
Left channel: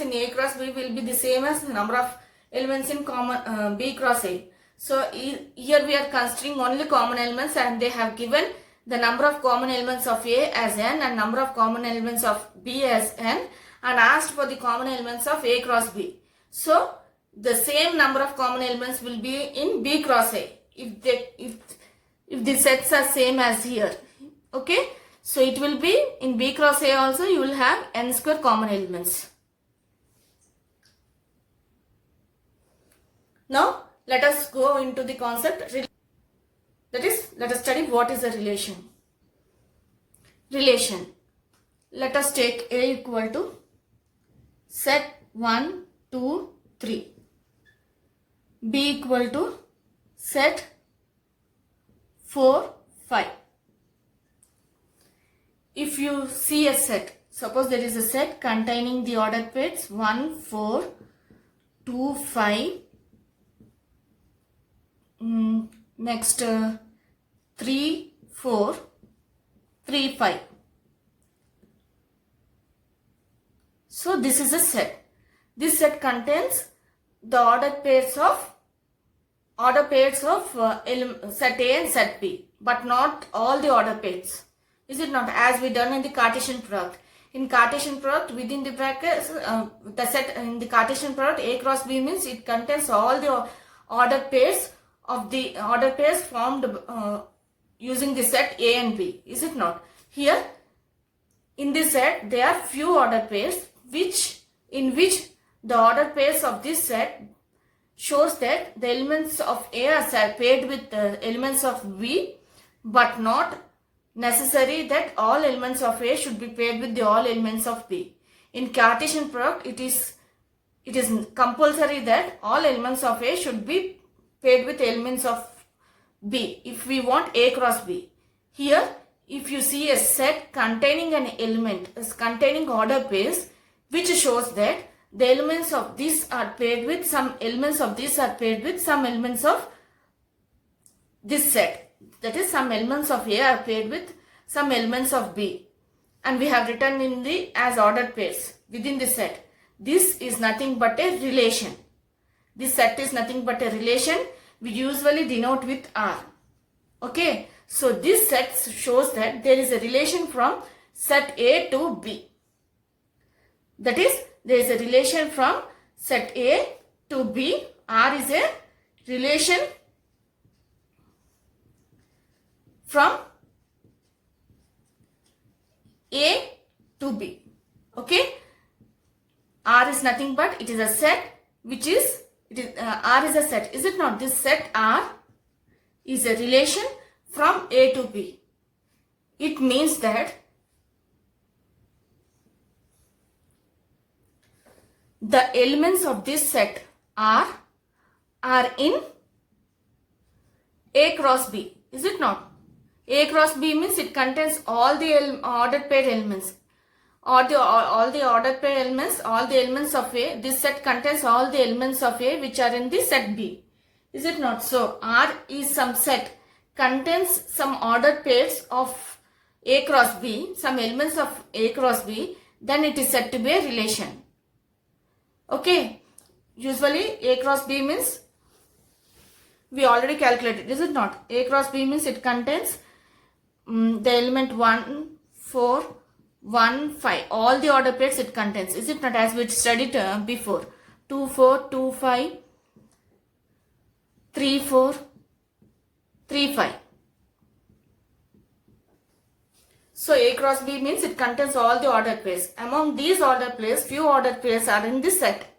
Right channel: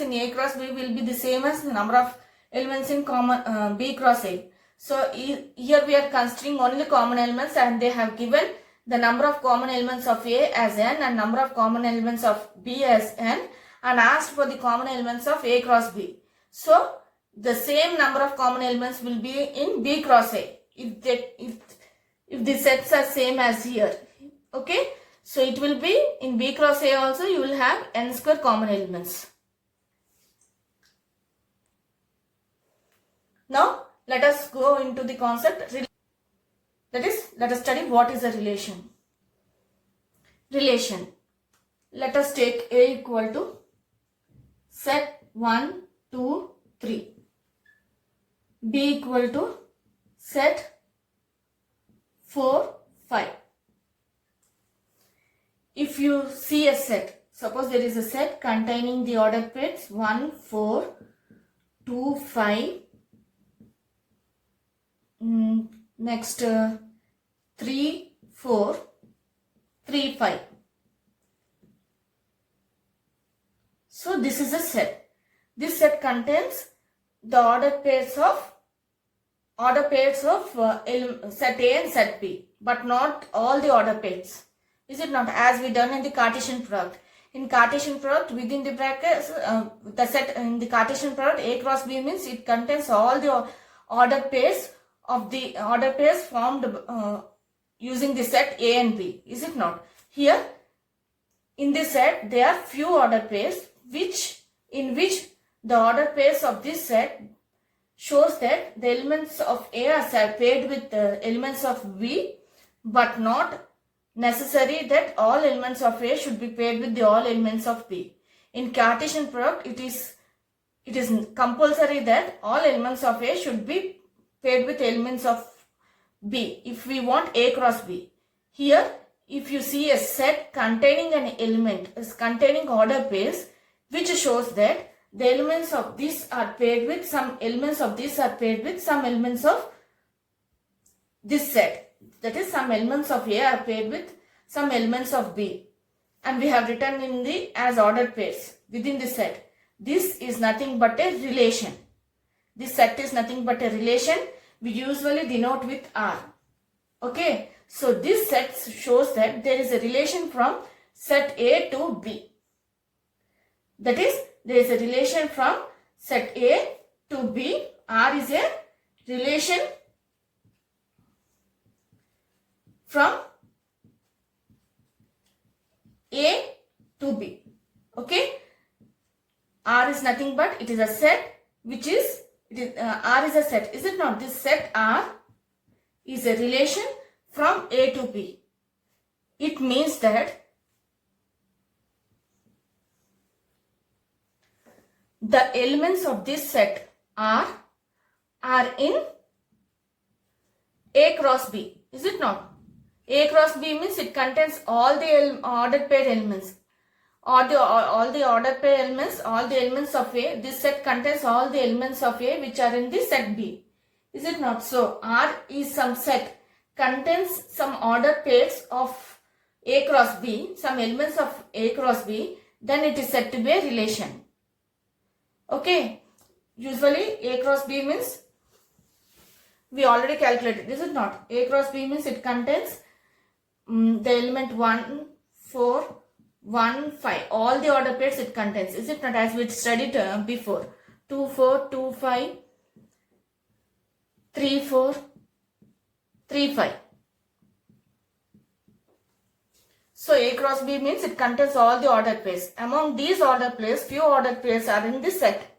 in A cross B will be the same as the number of elements in common B cross A. So here we are considering only common elements, and they have given the number of common elements of A as n and number of common elements of B as n, and asked for the common elements of A cross B. So the same number of common elements will be in B cross A if the sets are same as here. Okay, so it will be in B cross A also you will have n square common elements. Now let us go into the concept. That is, let us study what is a relation. Relation. Let us take A equal to set 1, 2, 3. B equal to set 4, 5. If you see a set, suppose there is a set containing the ordered pairs 1, 4, 2, 5, next 3, 4, 3, 5. So this is a set. This set contains the ordered pairs of set A and set B, but not all the ordered pairs. Is it not? As we done in the Cartesian product. In Cartesian product, within the brackets, the set in the Cartesian product A cross B means it contains all the ordered pairs formed using the set A and B. Is it not? Here in this set there are few ordered pairs in which the ordered pairs of this set shows that the elements of A are paired with the elements of B, but not necessary that all elements of A should be paired with all elements of B. In Cartesian product, it is compulsory that all elements of A should be paired with elements of B if we want A cross B. Here, if you see a set containing an element containing order pairs, which shows that the elements of this are paired with some elements of this are paired with some elements of this set. That is, some elements of A are paired with some elements of B, and we have written in the as ordered pairs within the set. This is nothing but a relation. This set is nothing but a relation. We usually denote with R. Okay, so this set shows that there is a relation from set A to B. That is, there is a relation from set A to B. R is a relation from A to B. Okay, R is nothing but it is a set which is R is a set. Is it not? This set R is a relation from A to B. It means that the elements of this set R are in A cross B. Is it not? A cross B means it contains all the ordered pair elements. All the ordered pair elements, all the elements of A. This set contains all the elements of A which are in the set B. Is it not? So R is some set contains some ordered pairs of A cross B, some elements of A cross B, then it is said to be a relation. Okay. Usually A cross B means we already calculated. Is it not? A cross B means it contains the element 1, 4, 1, 5. All the order pairs it contains. Is it not? As we studied before. 2, 4, 2, 5, 3, 4, 3, 5. So A cross B means it contains all the ordered pairs. Among these ordered pairs, few ordered pairs are in this set.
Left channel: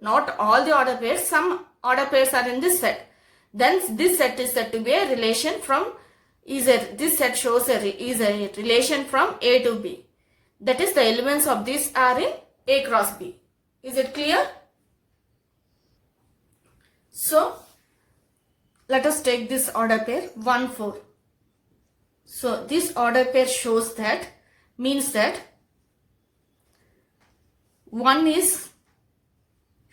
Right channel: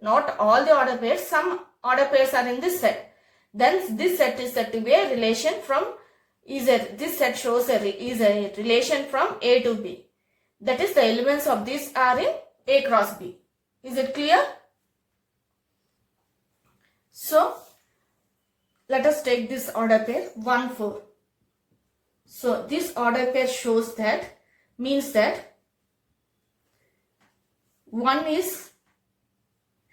Not all the ordered pairs, some ordered pairs are in this set. Then this set is said to be a relation from, this set shows is a relation from A to B. That is, the elements of this are in A cross B. Is it clear? So, let us take this order pair 1, 4. So, this order pair shows that, means that 1 is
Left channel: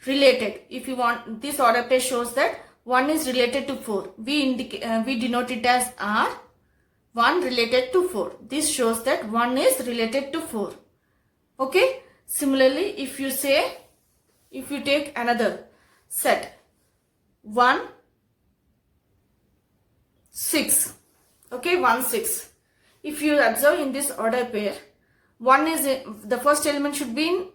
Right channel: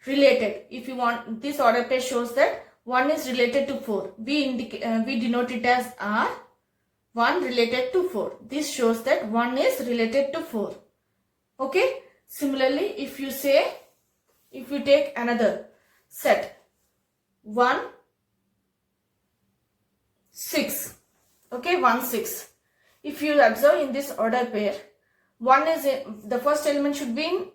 related. If you want, this order pair shows that 1 is related to 4. We denote it as R. 1 related to 4. This shows that 1 is related to 4. Okay. Similarly, if you take another set 1, 6. Okay, 1, 6. If you observe in this order pair, 1 is the first element should be in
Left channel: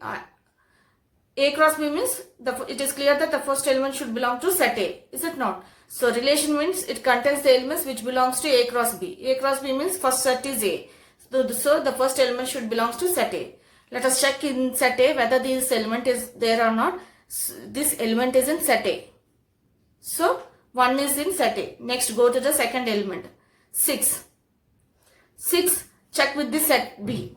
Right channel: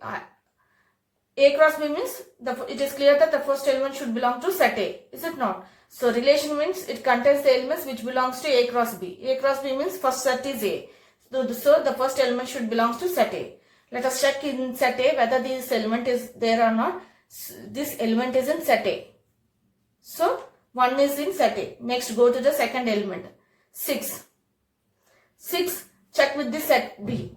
A cross B means it is clear that the first element should belong to set A. Is it not? So relation means it contains the elements which belongs to A cross B. A cross B means first set is A. So the first element should belongs to set A. Let us check in set A whether this element is there or not. This element is in set A. So 1 is in set A. Next go to the second element. 6. 6 check with the set B.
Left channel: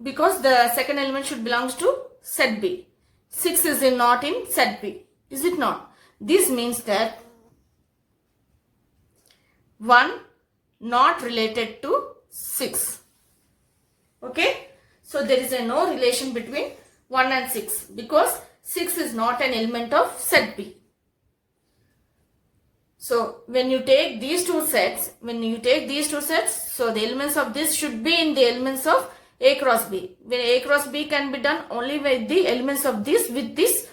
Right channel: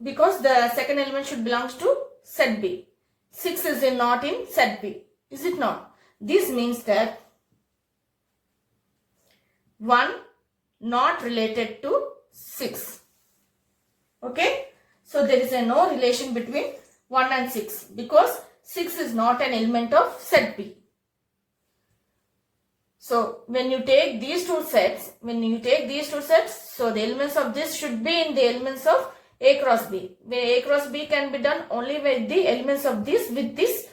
Because the second element should belongs to set B. 6 is not in set B. Is it not? This means that 1 not related to 6. Okay. So there is no relation between 1 and 6 because 6 is not an element of set B. So when you take these two sets, so the elements of this should be in the elements of A cross B. Where A cross B can be done only with the elements of this with this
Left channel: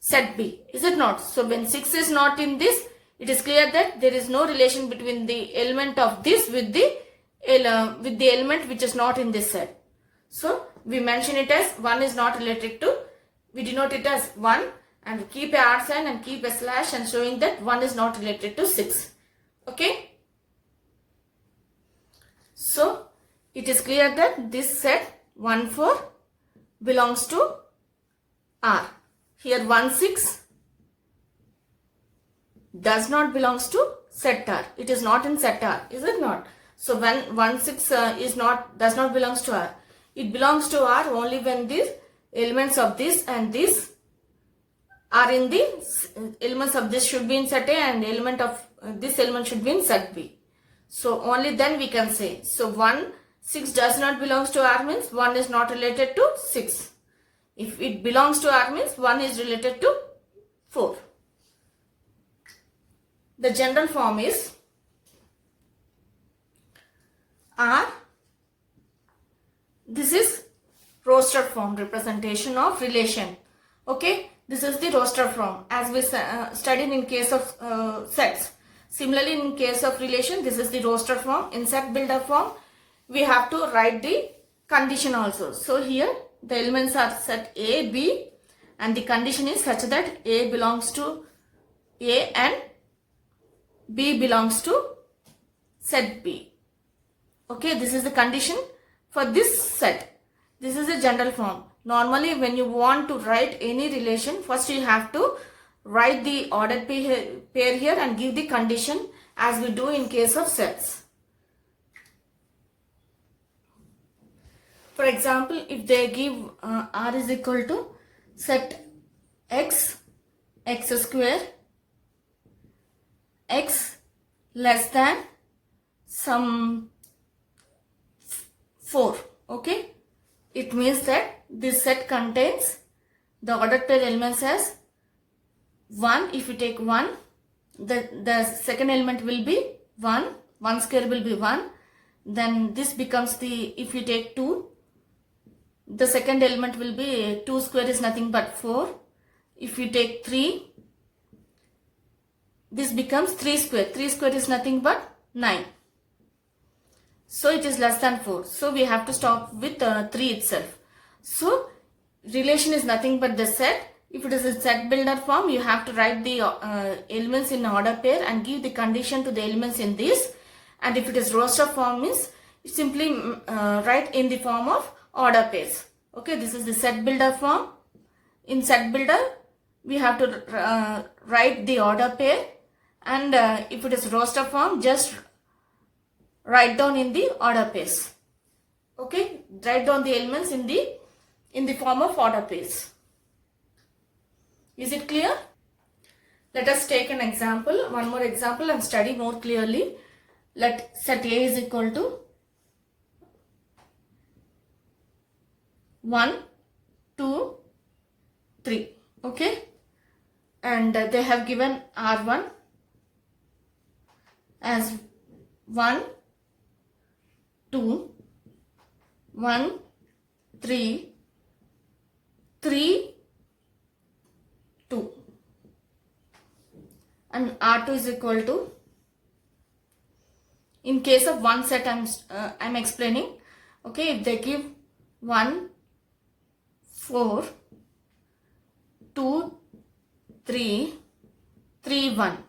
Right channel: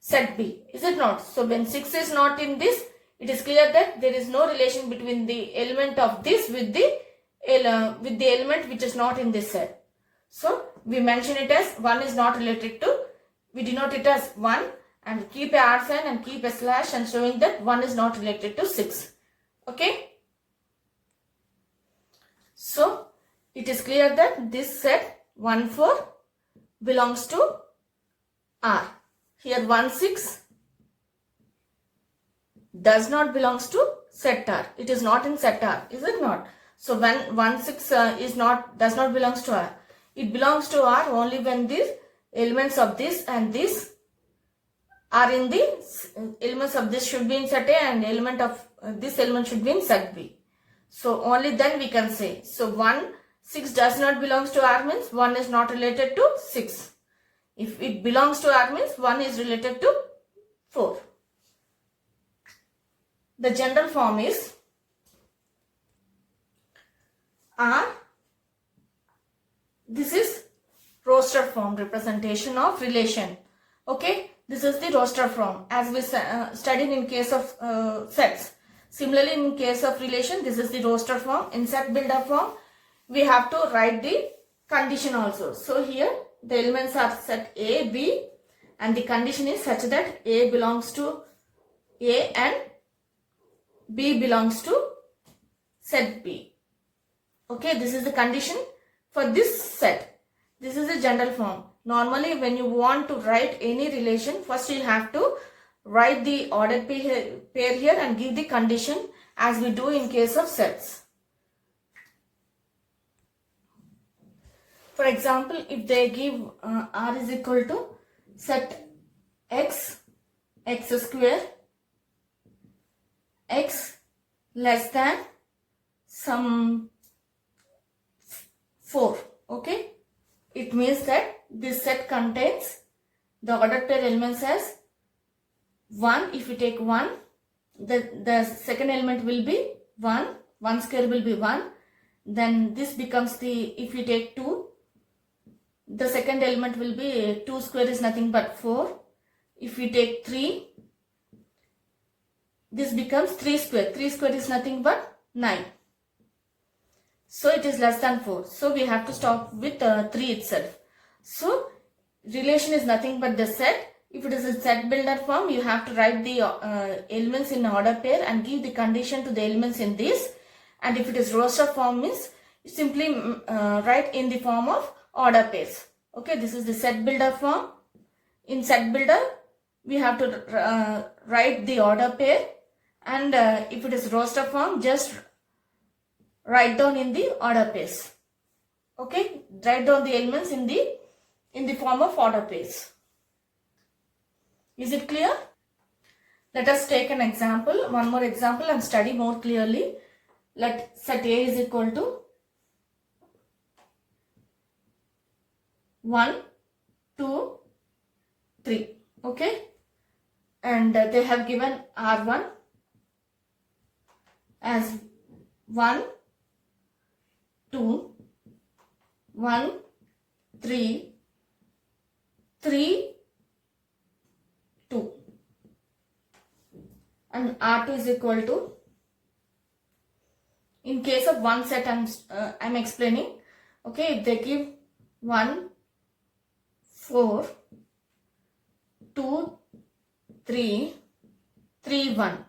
set B. Is it not? So when 6 is not in this, it is clear that there is no relation between the element of this with the element which is not in this set. So we mention it as 1 is not related to, we denote it as 1 and keep a R sign and keep a slash and showing that 1 is not related to 6. Okay. So it is clear that this set 1, 4 belongs to R. Here 1, 6 does not belongs to set R. It is not in set R. Is it not? So when 1, 6 does not belongs to R. It belongs to R only when the elements of this and this are in the elements of this should be in set A and element of this element should be in set B. So only then we can say. So 1, 6 does not belongs to R means 1 is not related to 6. If it belongs to R means 1 is related to 4. The general form is R. This is roster form representation of relation. Okay. This is the roster form as we studied in case of sets. Similarly, in case of relation, this is the roster form. In set builder form, we have to write the condition also. So here the elements are set A, B and the condition is such that A belongs to A and B belongs to set B. Okay, this is the condition for this set. This is the general form. Normally, when you want to write any relation, first you have to write the ordered pair here and give the condition as we do in case of sets. For example, if they give R is equal to set X, X square, X less than some 4. Okay. It means that this set contains the ordered pair elements as 1. If you take 1, the second element will be 1. 1 square will be 1. Then this becomes the, if you take 2, the second element will be 2 square is nothing but 4. If you take 3, this becomes 3 square. 3 square is nothing but 9. So it is less than 4. So we have to stop with 3 itself. So relation is nothing but the set. If it is a set builder form, you have to write the elements in order pair and give the condition to the elements in this. And if it is roster form means simply write in the form of order pairs. Okay, this is the set builder form. In set builder, we have to write the order pair, and if it is roster form, just write down in the order pairs. Okay, write down the elements in the form of order pairs. Is it clear? Let us take an example, one more example, and study more clearly. Let set A is equal to 1, 2, 3. Okay, and they have given R1 as 1, 2, 1, 3, 3, 2, and R2 is equal to, in case of one set I'm explaining. Okay, if they give 1, 4, 2, 3, 3, 1.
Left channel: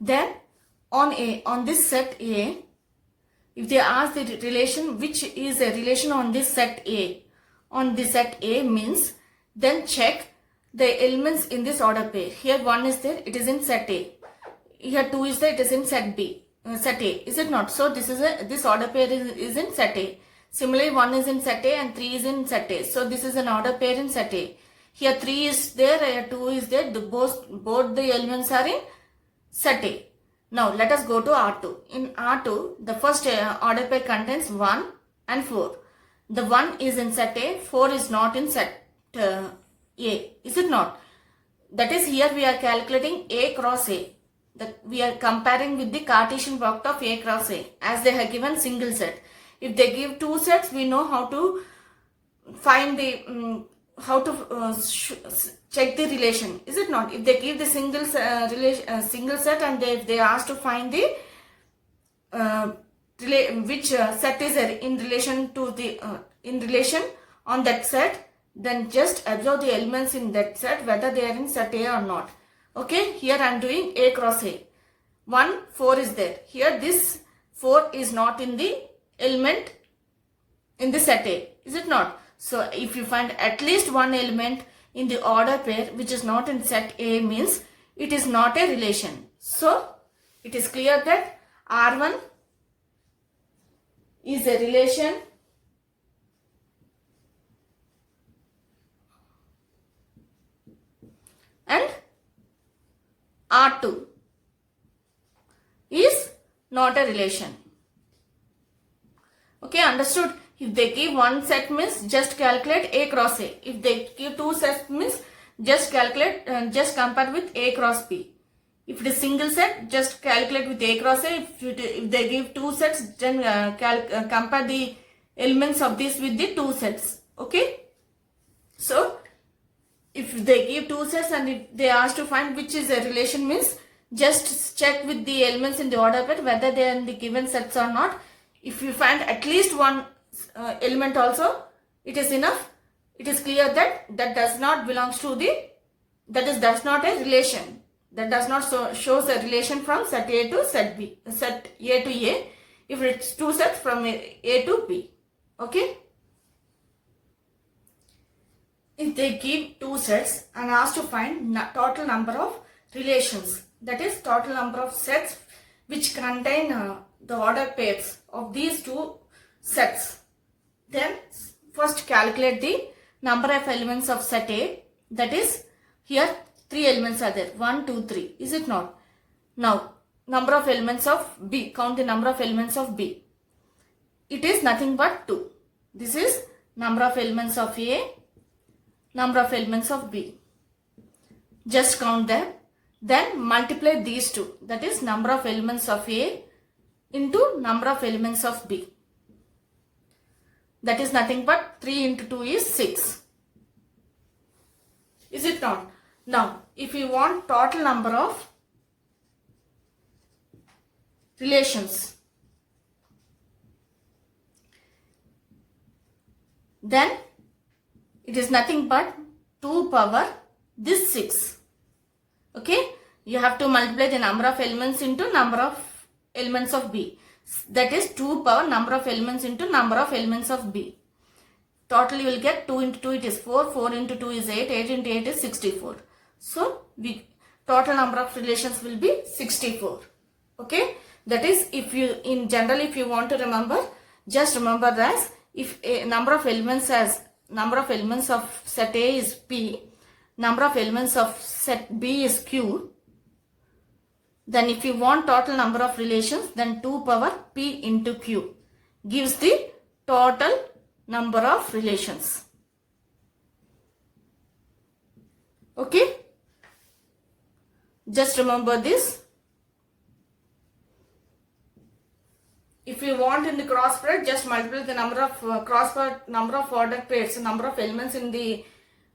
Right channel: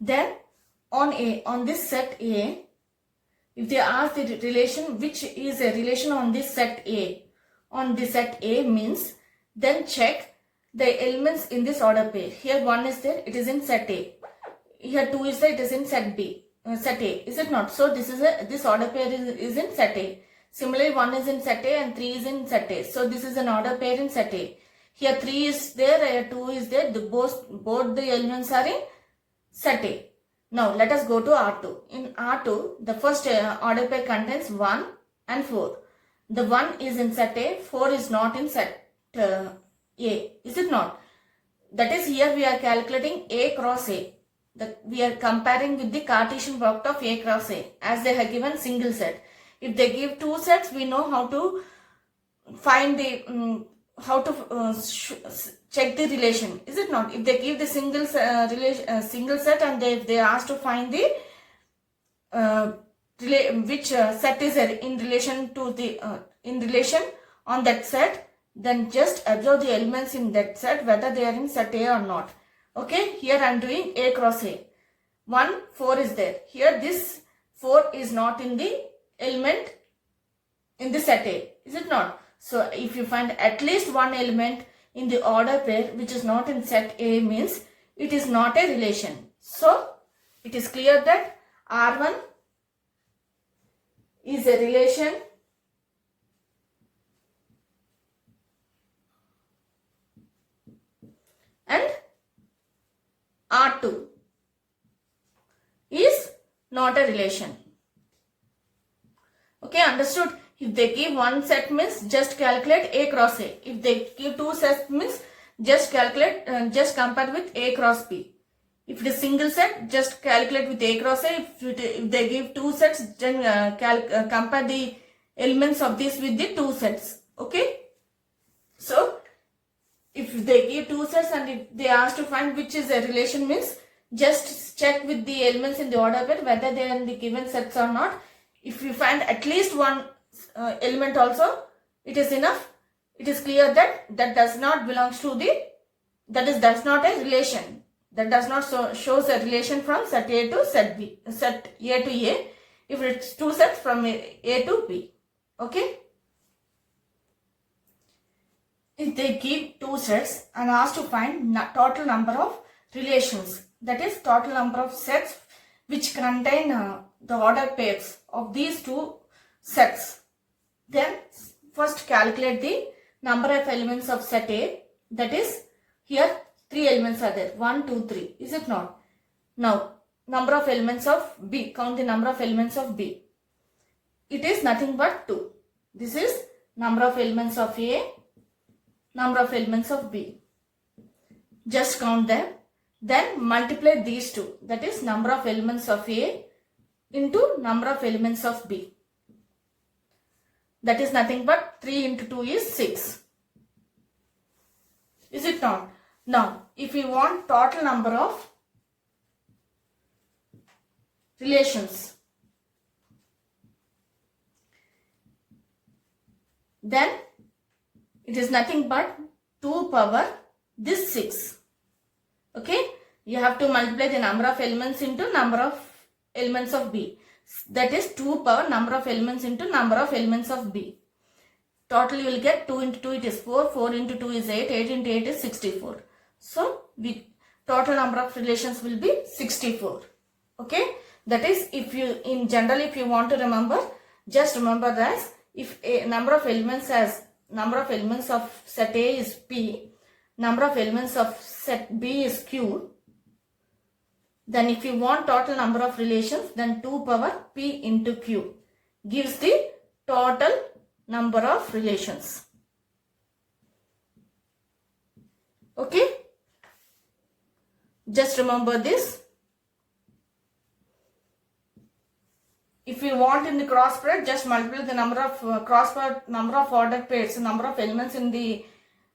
Then on this set A, if they ask the relation, which is a relation on this set A, means, then check the elements in this order pair. Here 1 is there, it is in set A. Here 2 is there, it is in set B, set A. Is it not? So this order pair is in set A. Similarly, 1 is in set A and 3 is in set A. So this is an order pair in set A. Here 3 is there, here 2 is there. Both the elements are in set A. Now let us go to R2. In R2, the first order pair contains 1 and 4. The 1 is in set A, 4 is not in set A. Is it not? That is, here we are calculating A cross A. We are comparing with the Cartesian product of A cross A, as they have given single set. If they give two sets, we know how to find the check the relation. Is it not? If they give the single set, and if they ask to find the which set is in relation to the in relation on that set, then just observe the elements in that set whether they are in set A or not. Okay, here I am doing A cross A. 1, 4 is there. Here this 4 is not in the element in the set A. Is it not? So if you find at least one element in the order pair which is not in set A, means it is not a relation. So it is clear that R1 is a relation and R2 is not a relation. Okay, understood? If they give one set, means just calculate A cross A. If they give two sets, means just calculate, just compare with A cross B. If it is single set, just calculate with A cross A. If they give two sets, then compare the elements of this with the two sets. Okay. So if they give two sets and if they ask to find which is a relation, means just check with the elements in the order pair whether they are in the given sets or not. If you find at least one element also, it is enough. It is clear that does not belongs to the, does not a relation. That does not shows a relation from set A to set B, set A to A. If it's two sets from A to B. Okay. If they give two sets and ask to find total number of relations, that is total number of sets which contain the order pairs of these two sets, then first calculate the number of elements of set A. That is, here 3 elements are there, 1, 2, 3. Is it not? Now number of elements of B, count the number of elements of B. It is nothing but 2. This is number of elements of A, number of elements of B. Just count them. Then multiply these two. That is number of elements of A into number of elements of B. That is nothing but 3 into 2 is 6. Is it not? Now, if you want total number of relations, then it is nothing but 2 power this 6. Okay. you have to multiply the number of elements into number of elements of B. That is 2 power number of elements into number of elements of B. Total you will get 2 into 2 it is 4, 4 into 2 is 8, 8 into 8 is 64. So total number of relations will be 64. Okay, that is if you in general if you want to remember, just remember that if a number of elements of set A is P, number of elements of set B is Q, then if you want total number of relations, then 2 power P into Q gives the total number of relations. Okay, just remember this. If you want in the cross product, just multiply the number of cross product, number of ordered pairs, number of elements in the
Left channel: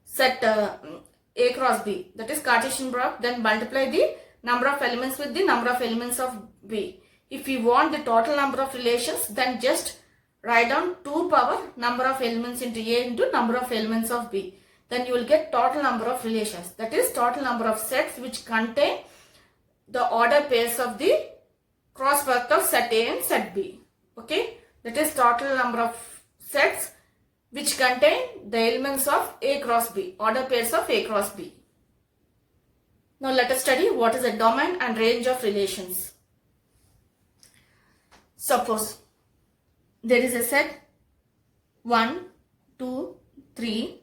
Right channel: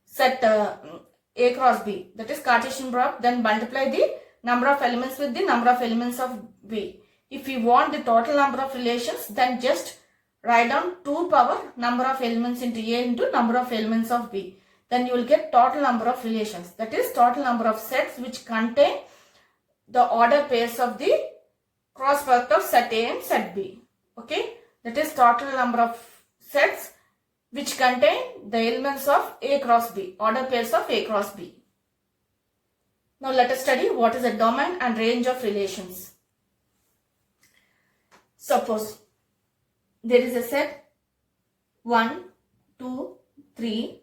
set A cross B, that is Cartesian product, then multiply the number of elements with the number of elements of B. If you want the total number of relations, then just write down 2 power number of elements into A into number of elements of B. Then you will get total number of relations, that is total number of sets which contain the ordered pairs of the cross product of set A and set B. Okay, that is total number of sets which contain the elements of A cross B, order pairs of A cross B. Now let us study what is a domain and range of relations. Suppose there is a set 1, 2, 3,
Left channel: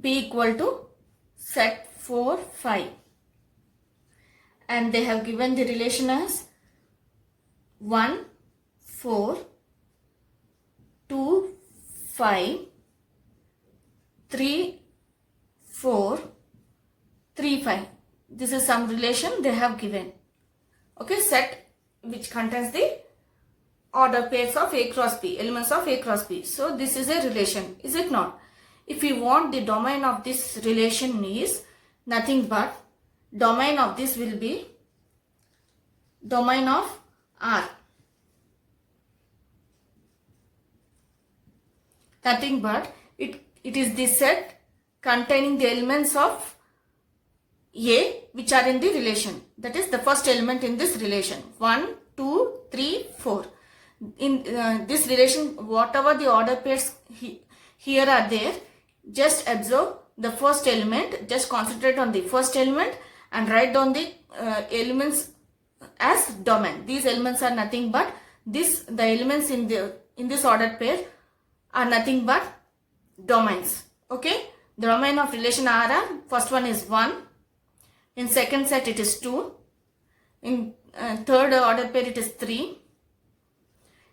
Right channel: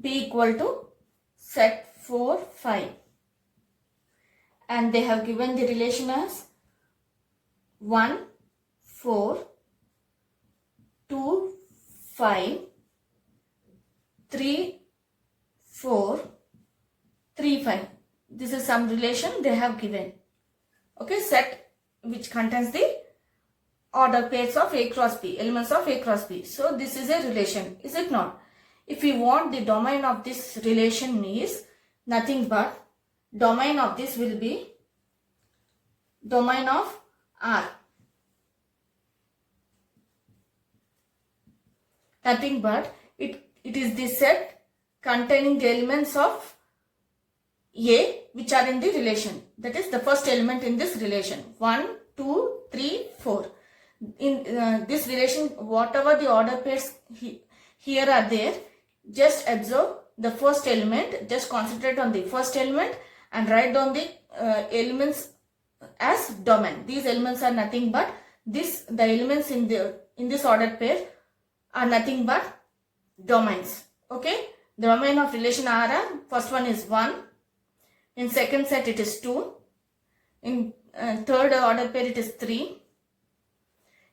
B equal to set 4, 5, and they have given the relation as 1, 4, 2, 5, 3, 4, 3, 5. This is some relation they have given. Okay, set which contains the order pairs of A cross B, elements of A cross B. So this is a relation, is it not? If we want the domain of this relation is nothing but domain of this will be domain of R. Nothing but it is the set containing the elements of A which are in the relation. That is the first element in this relation. 1, 2, 3, 4. In this relation, whatever the order pairs here are there, just observe the first element, just concentrate on the first element and write down the elements as domain. These elements are nothing but the elements in this ordered pair are nothing but domains. Okay, the domain of relation R are, first one is 1, in second set it is 2, in third ordered pair it is 3,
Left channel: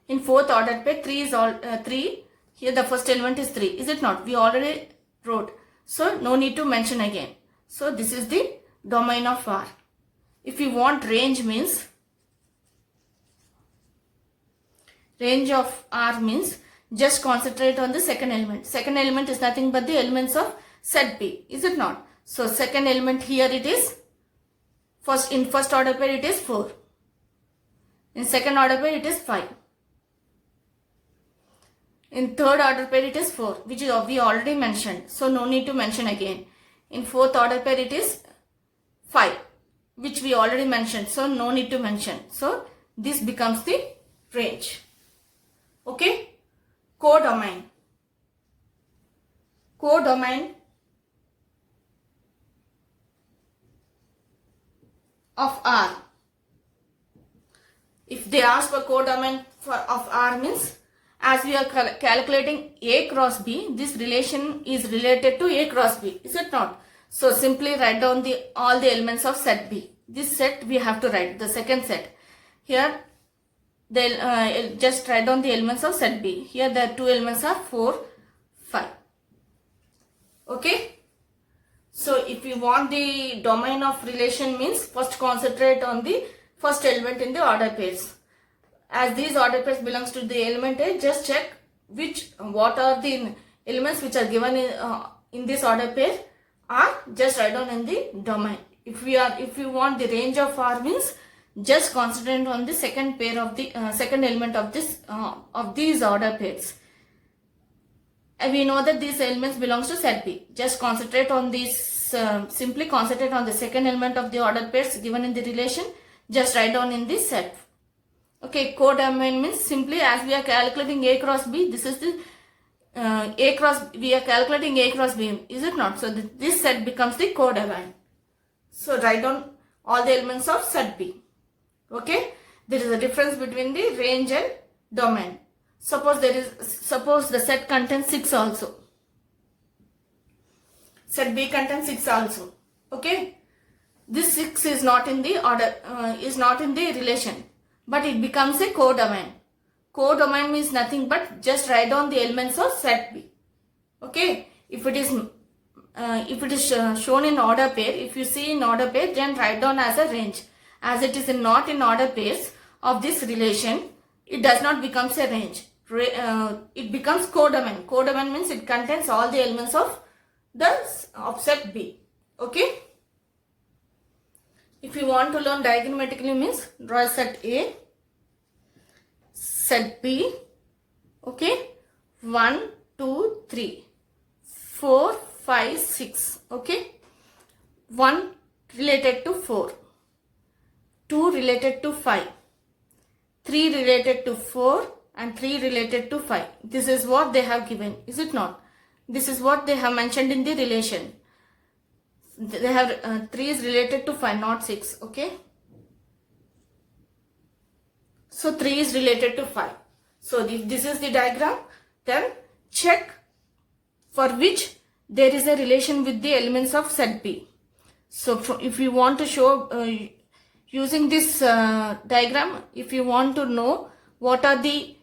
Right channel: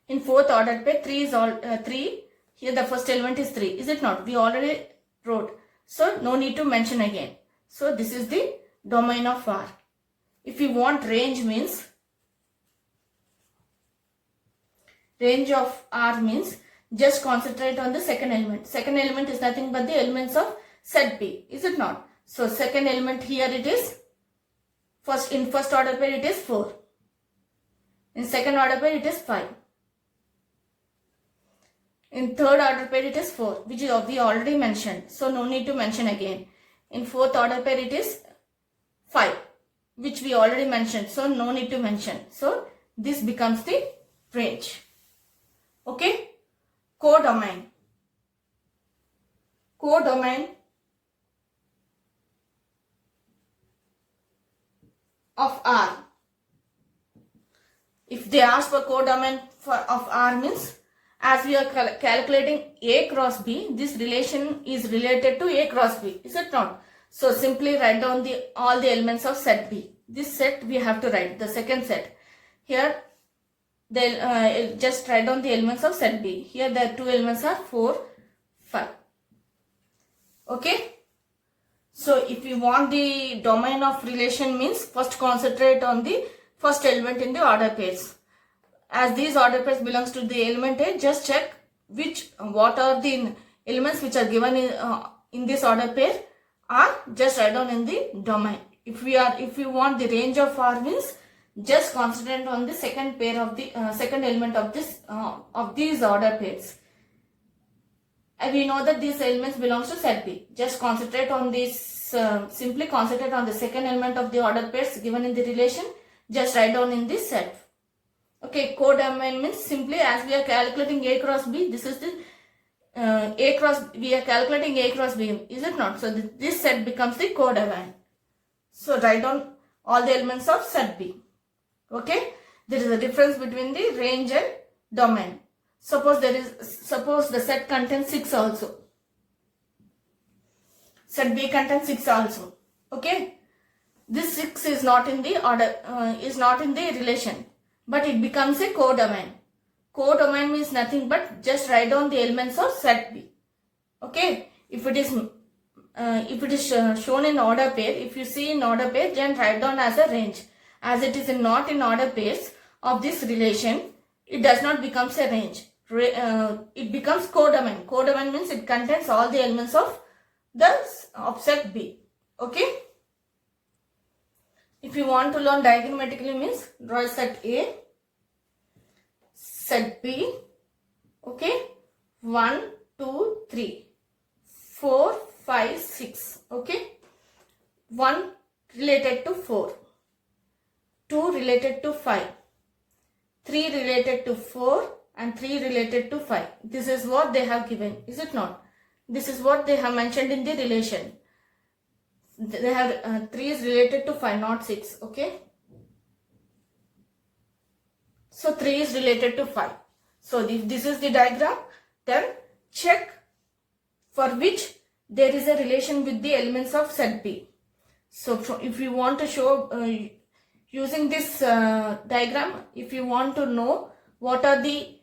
in fourth ordered pair 3 is 3. Here the first element is 3, is it not? We already wrote, so no need to mention again. So this is the domain of R. If you want range means, range of R means just concentrate on the second element. Second element is nothing but the elements of set B, is it not? So second element here it is, in first order pair it is 4. In second order pair it is 5. In third order pair it is 4, which we already mentioned, so no need to mention again. In fourth order pair it is 5, which we already mentioned, so no need to mention. So this becomes the range. Okay, codomain. Codomain of R. If they ask for codomain of R means, as we are calculating A cross B, this relation is related to A cross B, is it not? So simply write down all the elements of set B. This set we have to write, the second set. Here just write down the elements of set B. Here the two elements are 4, 5. Okay. So if you want the domain of relation means, first concentrate on the first element in the order pairs. As these order pairs belongs to the element A, just check what are the elements which are given in this order pair, are just write down in the domain. If you want the range of R means, just concentrate on the second pair of the second element of this of these order pairs. And we know that these elements belongs to set B. Just concentrate on this, simply concentrate on the second element of the ordered pairs given in the relation. Just write down in this set. Okay, codomain means simply as we are calculating A cross B, this is the A cross, we are calculating A cross B, is it not? So this set becomes the codomain. So write down all the elements of set B. Okay, there is a difference between the range and domain. Suppose the set contains 6 also. Set B contains 6 also. Okay, this 6 is not in the order, is not in the relation, but it becomes a codomain. Codomain means nothing but just write down the elements of set B. Okay, if it is shown in order pair, if you see in order pair, then write down as a range. As it is not in order pairs of this relation, it does not become a range. It becomes codomain. Codomain means it contains all the elements of set B. Okay. If you want to learn diagrammatically means draw set A, set B. Okay. 1, 2, 3, 4, 5, 6. Okay. 1 related to 4. 2 related to 5. 3 related to 4 and 3 related to 5. This is what they have given, is it not? This is what they have mentioned in the relation. They have 3 is related to 5, not 6. Okay. So 3 is related to 5. So if this is the diagram, then check for which there is a relation with the elements of set B. So if you want to show using this diagram, if you want to know what are the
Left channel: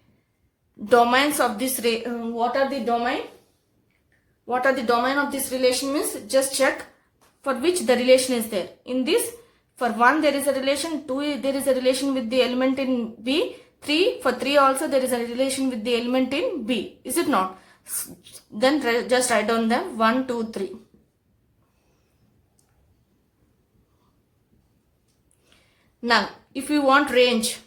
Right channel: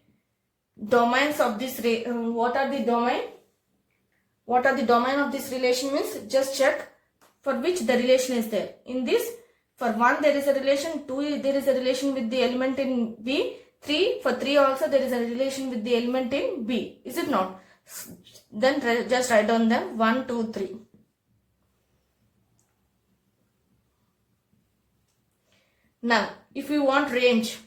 domains of this, what are the domain of this relation means, just check for which the relation is there. In this, for 1 there is a relation, 2 there is a relation with the element in B, 3 for 3 also there is a relation with the element in B, is it not? Then just write down them 1, 2, 3. Now, if we want range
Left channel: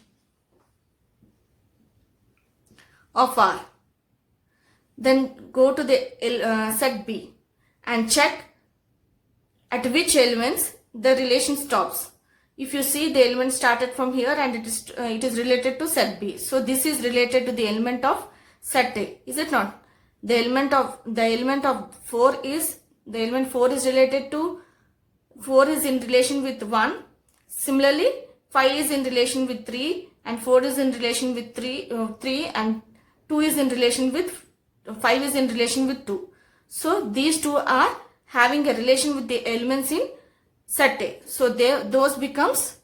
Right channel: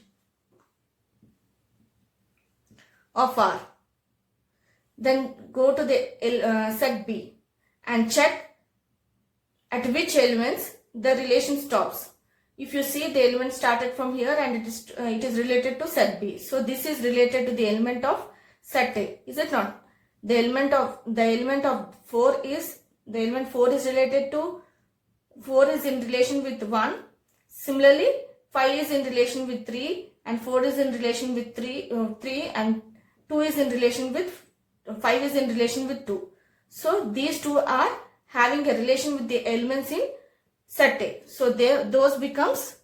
of R, then go to the set B and check at which elements the relation stops. If you see, the element started from here and it is related to set B. So this is related to the element of set A, is it not? The element of 4 is, the element 4 is related to, 4 is in relation with 1. Similarly, 5 is in relation with 3 and 4 is in relation with 3 and 2 is in relation with 5 is in relation with 2. So these two are having a relation with the elements in set A. So those becomes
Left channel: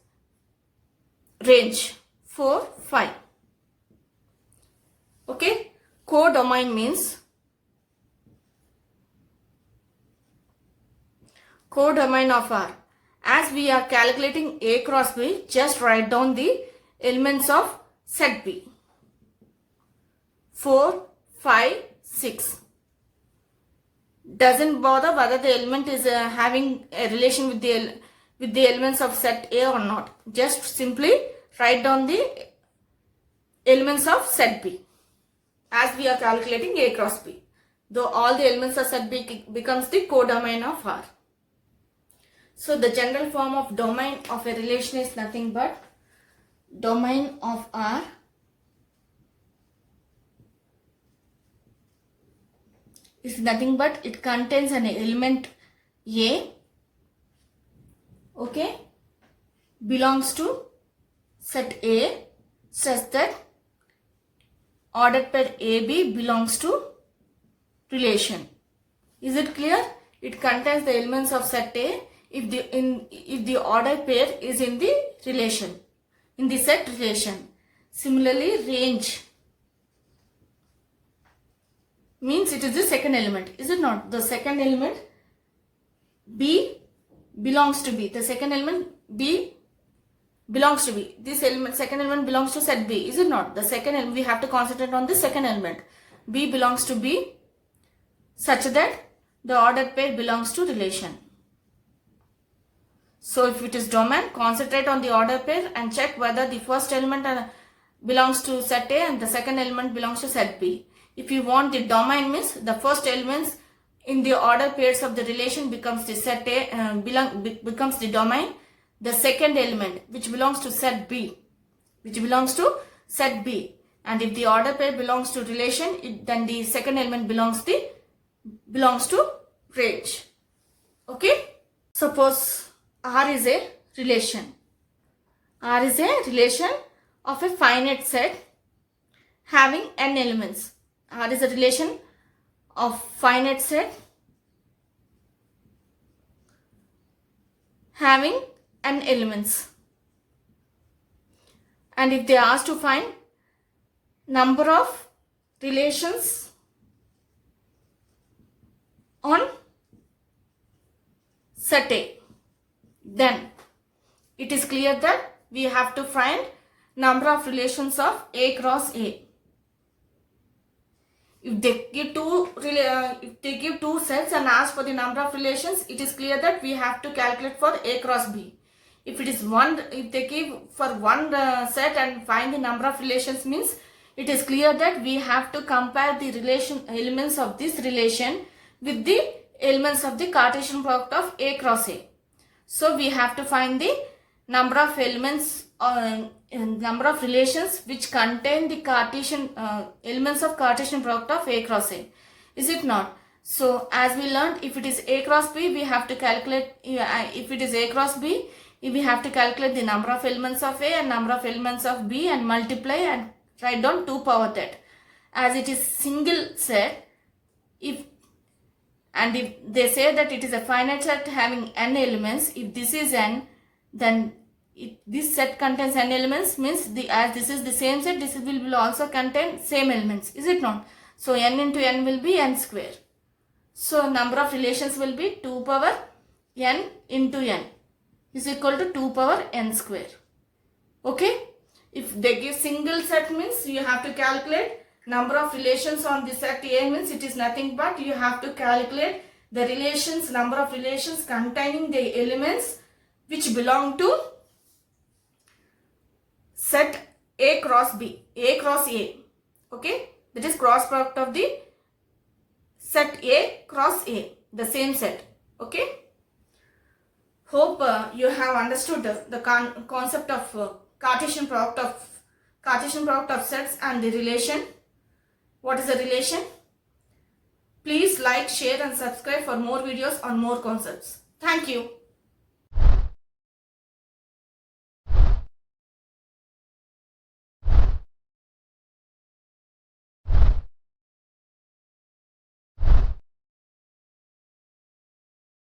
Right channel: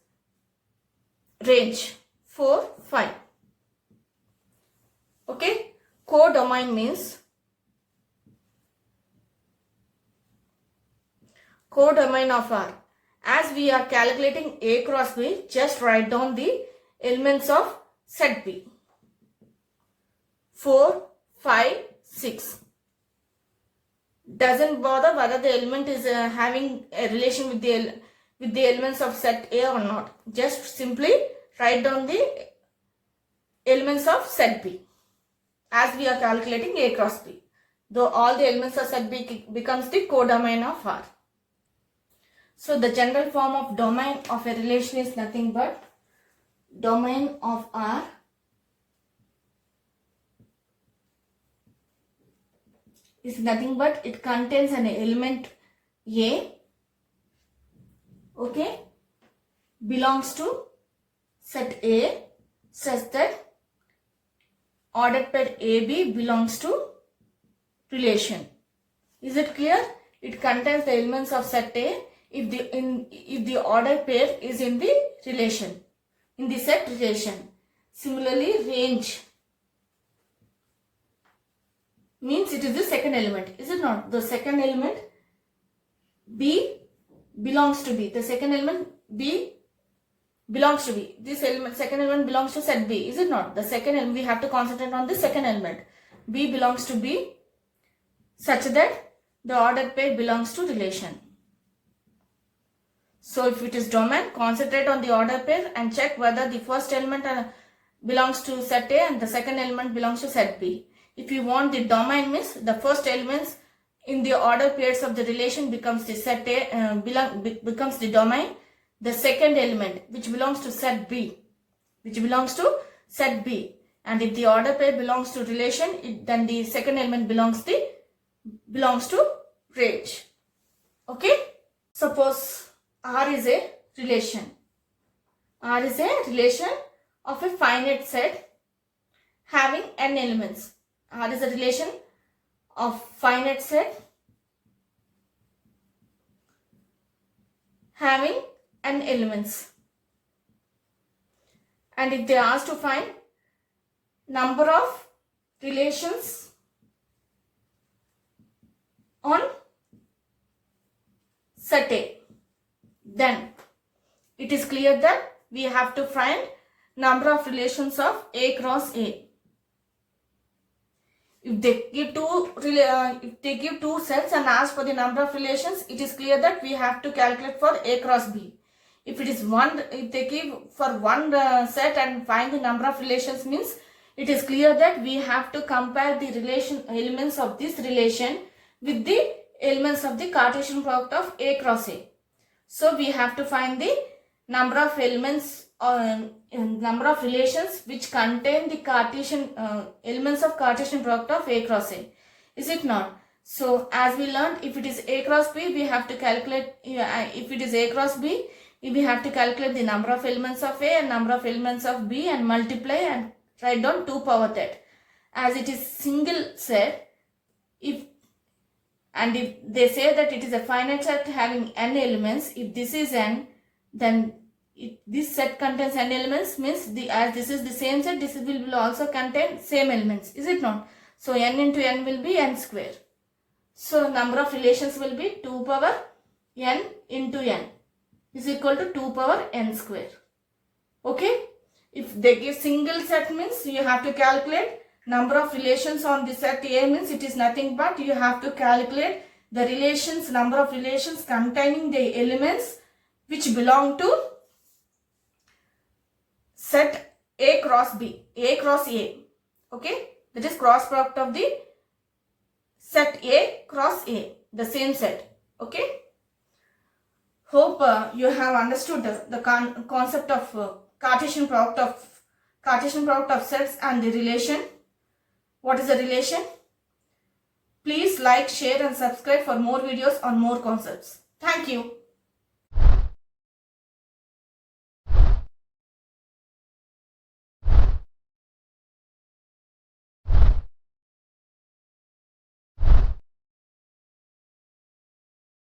range 4, 5. Okay. Codomain means, codomain of R. As we are calculating A cross B, just write down the elements of set B. 4, 5, 6. Doesn't bother whether the element is having a relation with the elements of set A or not. Just simply write down the elements of set B as we are calculating A cross B. Though all the elements of set B becomes the codomain of R. So the general form of domain of a relation is nothing but domain of R is nothing but it contains an element A, okay, belongs to set A such that ordered pair AB belongs to relation. Is it clear? It contains the elements of set A if the ordered pair is in the relation, in the set relation. Similarly, range means it is the second element, is it not? The second element B belongs to B. The second element B belongs to B. This element, second element belongs to set B, is it not? The second element, we have to concentrate on the second element. B belongs to B such that the ordered pair belongs to relation. So if it is domain, concentrate on the ordered pair and check whether the first element belongs to set A and the second element belongs to set B. If you want the domain means the first elements in the order pairs of the relation becomes the set A, becomes the domain. The second element which belongs to set B, and if the order pair belongs to relation, then the second element belongs to range. Okay. Suppose R is a relation. R is a relation of a finite set having n elements. R is a relation of finite set having n elements. And if they are asked to find number of relations on set A, then it is clear that we have to find number of relations of A cross A. If they give two sets and ask for the number of relations, it is clear that we have to calculate for A cross B. If they give for one set and find the number of relations, means it is clear that we have to compare the elements of this relation with the elements of the Cartesian product of A cross A. So we have to find the number of elements number of relations which contain the Cartesian elements of Cartesian product of A cross A. Is it not? So as we learned, if it is A cross B, we have to calculate, if it is A cross B, we have to calculate the number of elements of A and number of elements of B and multiply and write down 2 power that. As it is single set, if they say that it is a finite set having n elements, if this is n, then this set contains n elements, means as this is the same set, this will also contain same elements. Is it not? So n into n will be n square. So number of relations will be 2 power n into n is equal to 2 power n square. Okay. If they give single set, means you have to calculate number of relations on the set A, means it is nothing but you have to calculate the relations, number of relations containing the elements which belong to set A cross B, A cross A. Okay. That is cross product of the set A cross A, the same set. Okay. Hope you have understood the concept of Cartesian product of sets and the relation. What is the relation? Please like, share and subscribe for more videos on more concepts. Thank you.